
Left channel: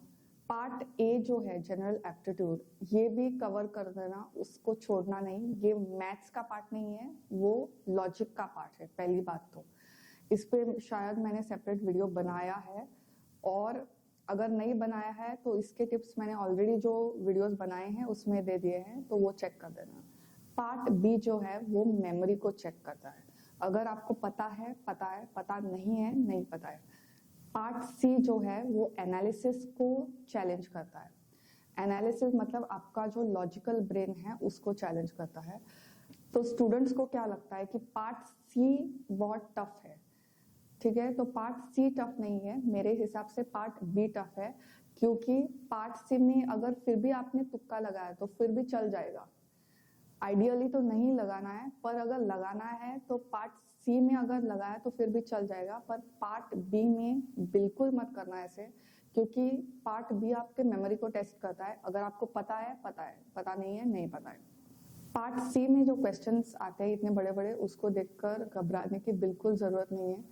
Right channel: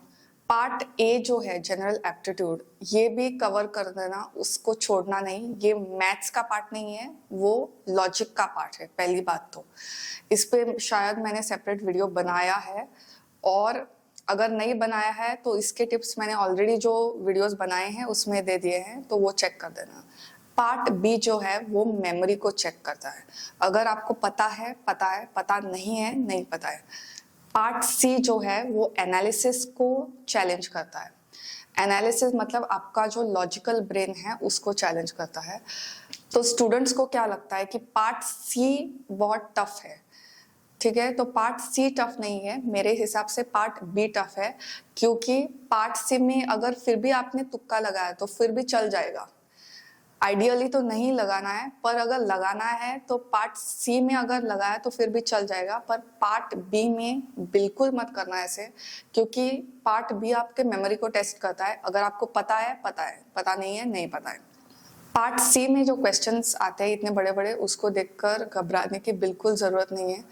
पार्ट ए जो है जनरल एप्टीट्यूड, ये भी कवर कर देना, उसको छोड़ना नहीं। ये मैथ्स का पार्ट नहीं है, वो लॉजिक का पार्ट है। पहली बात तो इस पे शायद मैंने सेपरेट वीडियो बनाया है, और अगर नहीं बनाया है तो इसके टिप्स मैंने ऑलरेडी जो वीडियोस बनाए हैं उसमें दे दिए हैं, तो वो चेक कर देना। पार्ट बी जो है वो मेमोरी को चेक करता है। अगर आपको पता है, पता नहीं है, नहीं पता है। पार्ट सी जो है वो एनालिसिस को चैलेंज करता है। एनालिसिस मतलब आपका जो लॉजिकल ब्रेन है उसको चैलेंज करता है। तो स्टूडेंट्स को क्या लगता है कि पार्ट सी बहुत टफ है, ठीक है, तो पार्ट सी टफ नहीं है, मेरे हिसाब से पार्ट बी टफ है, क्योंकि पार्ट सी में अगर फिर भी आपने तुक्का लगाया तो फिर भी चल जाएगा। आइडियली तो नहीं लगाना है, पर अगर लगाना है तो पार्ट सी में अगर लगाया तो फिर भी चल जाएगा, पर पार्ट बी में बिल्कुल मत करना ऐसे, क्योंकि पार्ट बी आपके मेमोरी को टेस्ट करता है। अगर आपको पता है, पता नहीं है, नहीं पता है। पार्ट सी में जो क्वेश्चंस आते हैं इतने बड़े बड़े, उसको देखकर घबराने की बिल्कुल जरूरत नहीं है।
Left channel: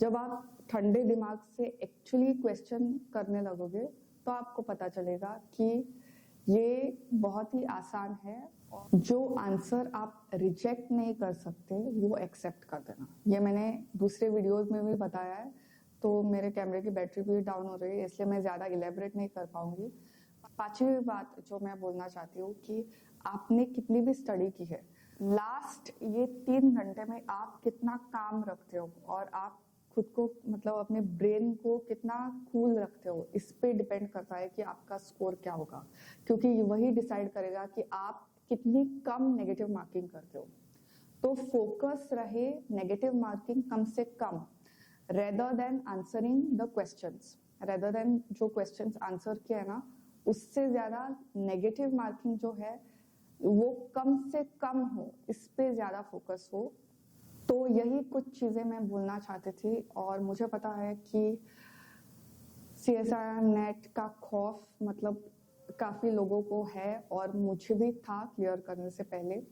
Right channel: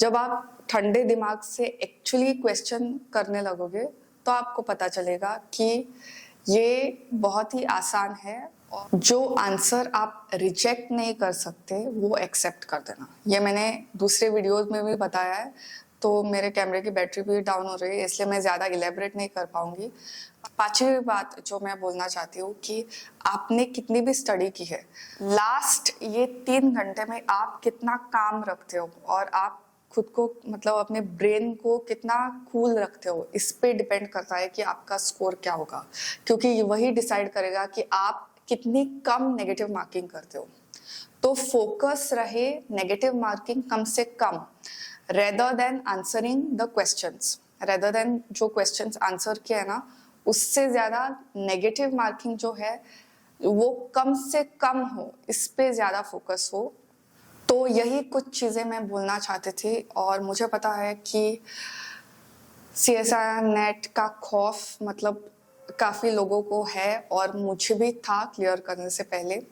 जब आप ठंडे दिमाग से एक्चुअली क्वेश्चन करने लगोगे तो आपको पता चलेगा कि ये बहुत ही आसान है, और जो आंसर आप रिजेक्ट नहीं कर सकते वो एक्सेप्ट कर देना। ये मैंने दूसरे वीडियोस में भी बताया है, तो मेरे कैमरे की बैटरी भी डाउन हो रही है, इसलिए मैं ज़्यादा इलेबरेट नहीं कर पाऊंगी। 5वीं बात जो मैं बोलना चाहती हूँ कि आपने कितनी भी स्टडी की है, लास्ट ये 3 घंटे में आप कितना काम रखते हो और आप खुद को मतलब अपने ब्रेन को कितना कूल रखते हो, इस पे डिपेंड करता है कि आपका स्कोर क्या होगा, क्योंकि वही डिसाइड करेगा कि आप कितनी कम नेगेटिव मार्किंग करते हो। तो फोकस रहे नेगेटिव मार्किंग कम से कम, rather than answering the questions, rather than जो क्वेश्चंस आंसर किया है ना, उससे ज्यादा नेगेटिव मार्किंग जो है वो कम से कम हो, इस पे ज्यादा फोकस हो। तो यही कुछ चीजें मैं बोलना चाहती थी, और मुझे पता है कि CSIR नेट का खौफ मतलब काफी लोगों को है, और मुझे भी था क्लियर करने से पहले।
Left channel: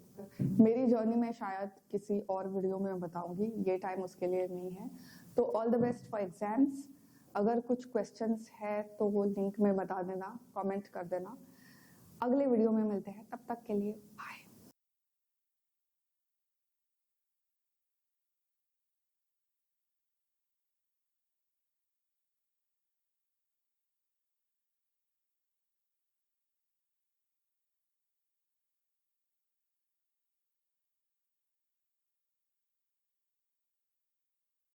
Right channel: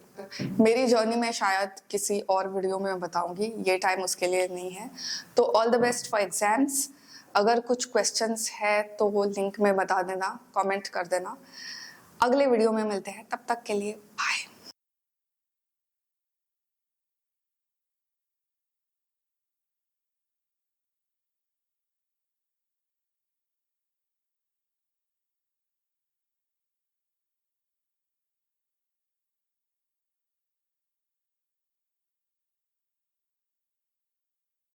मेरी जर्नी में शायद किसी और वीडियो में बताऊंगी, ये टाइम उसके लिए नहीं है। तो all the best for exams. अगर कुछ क्वेश्चंस है तो वो लिंक में बता देना, कमेंट कर देना। अगले वीडियो में मिलते हैं, तब तक के लिए बाय।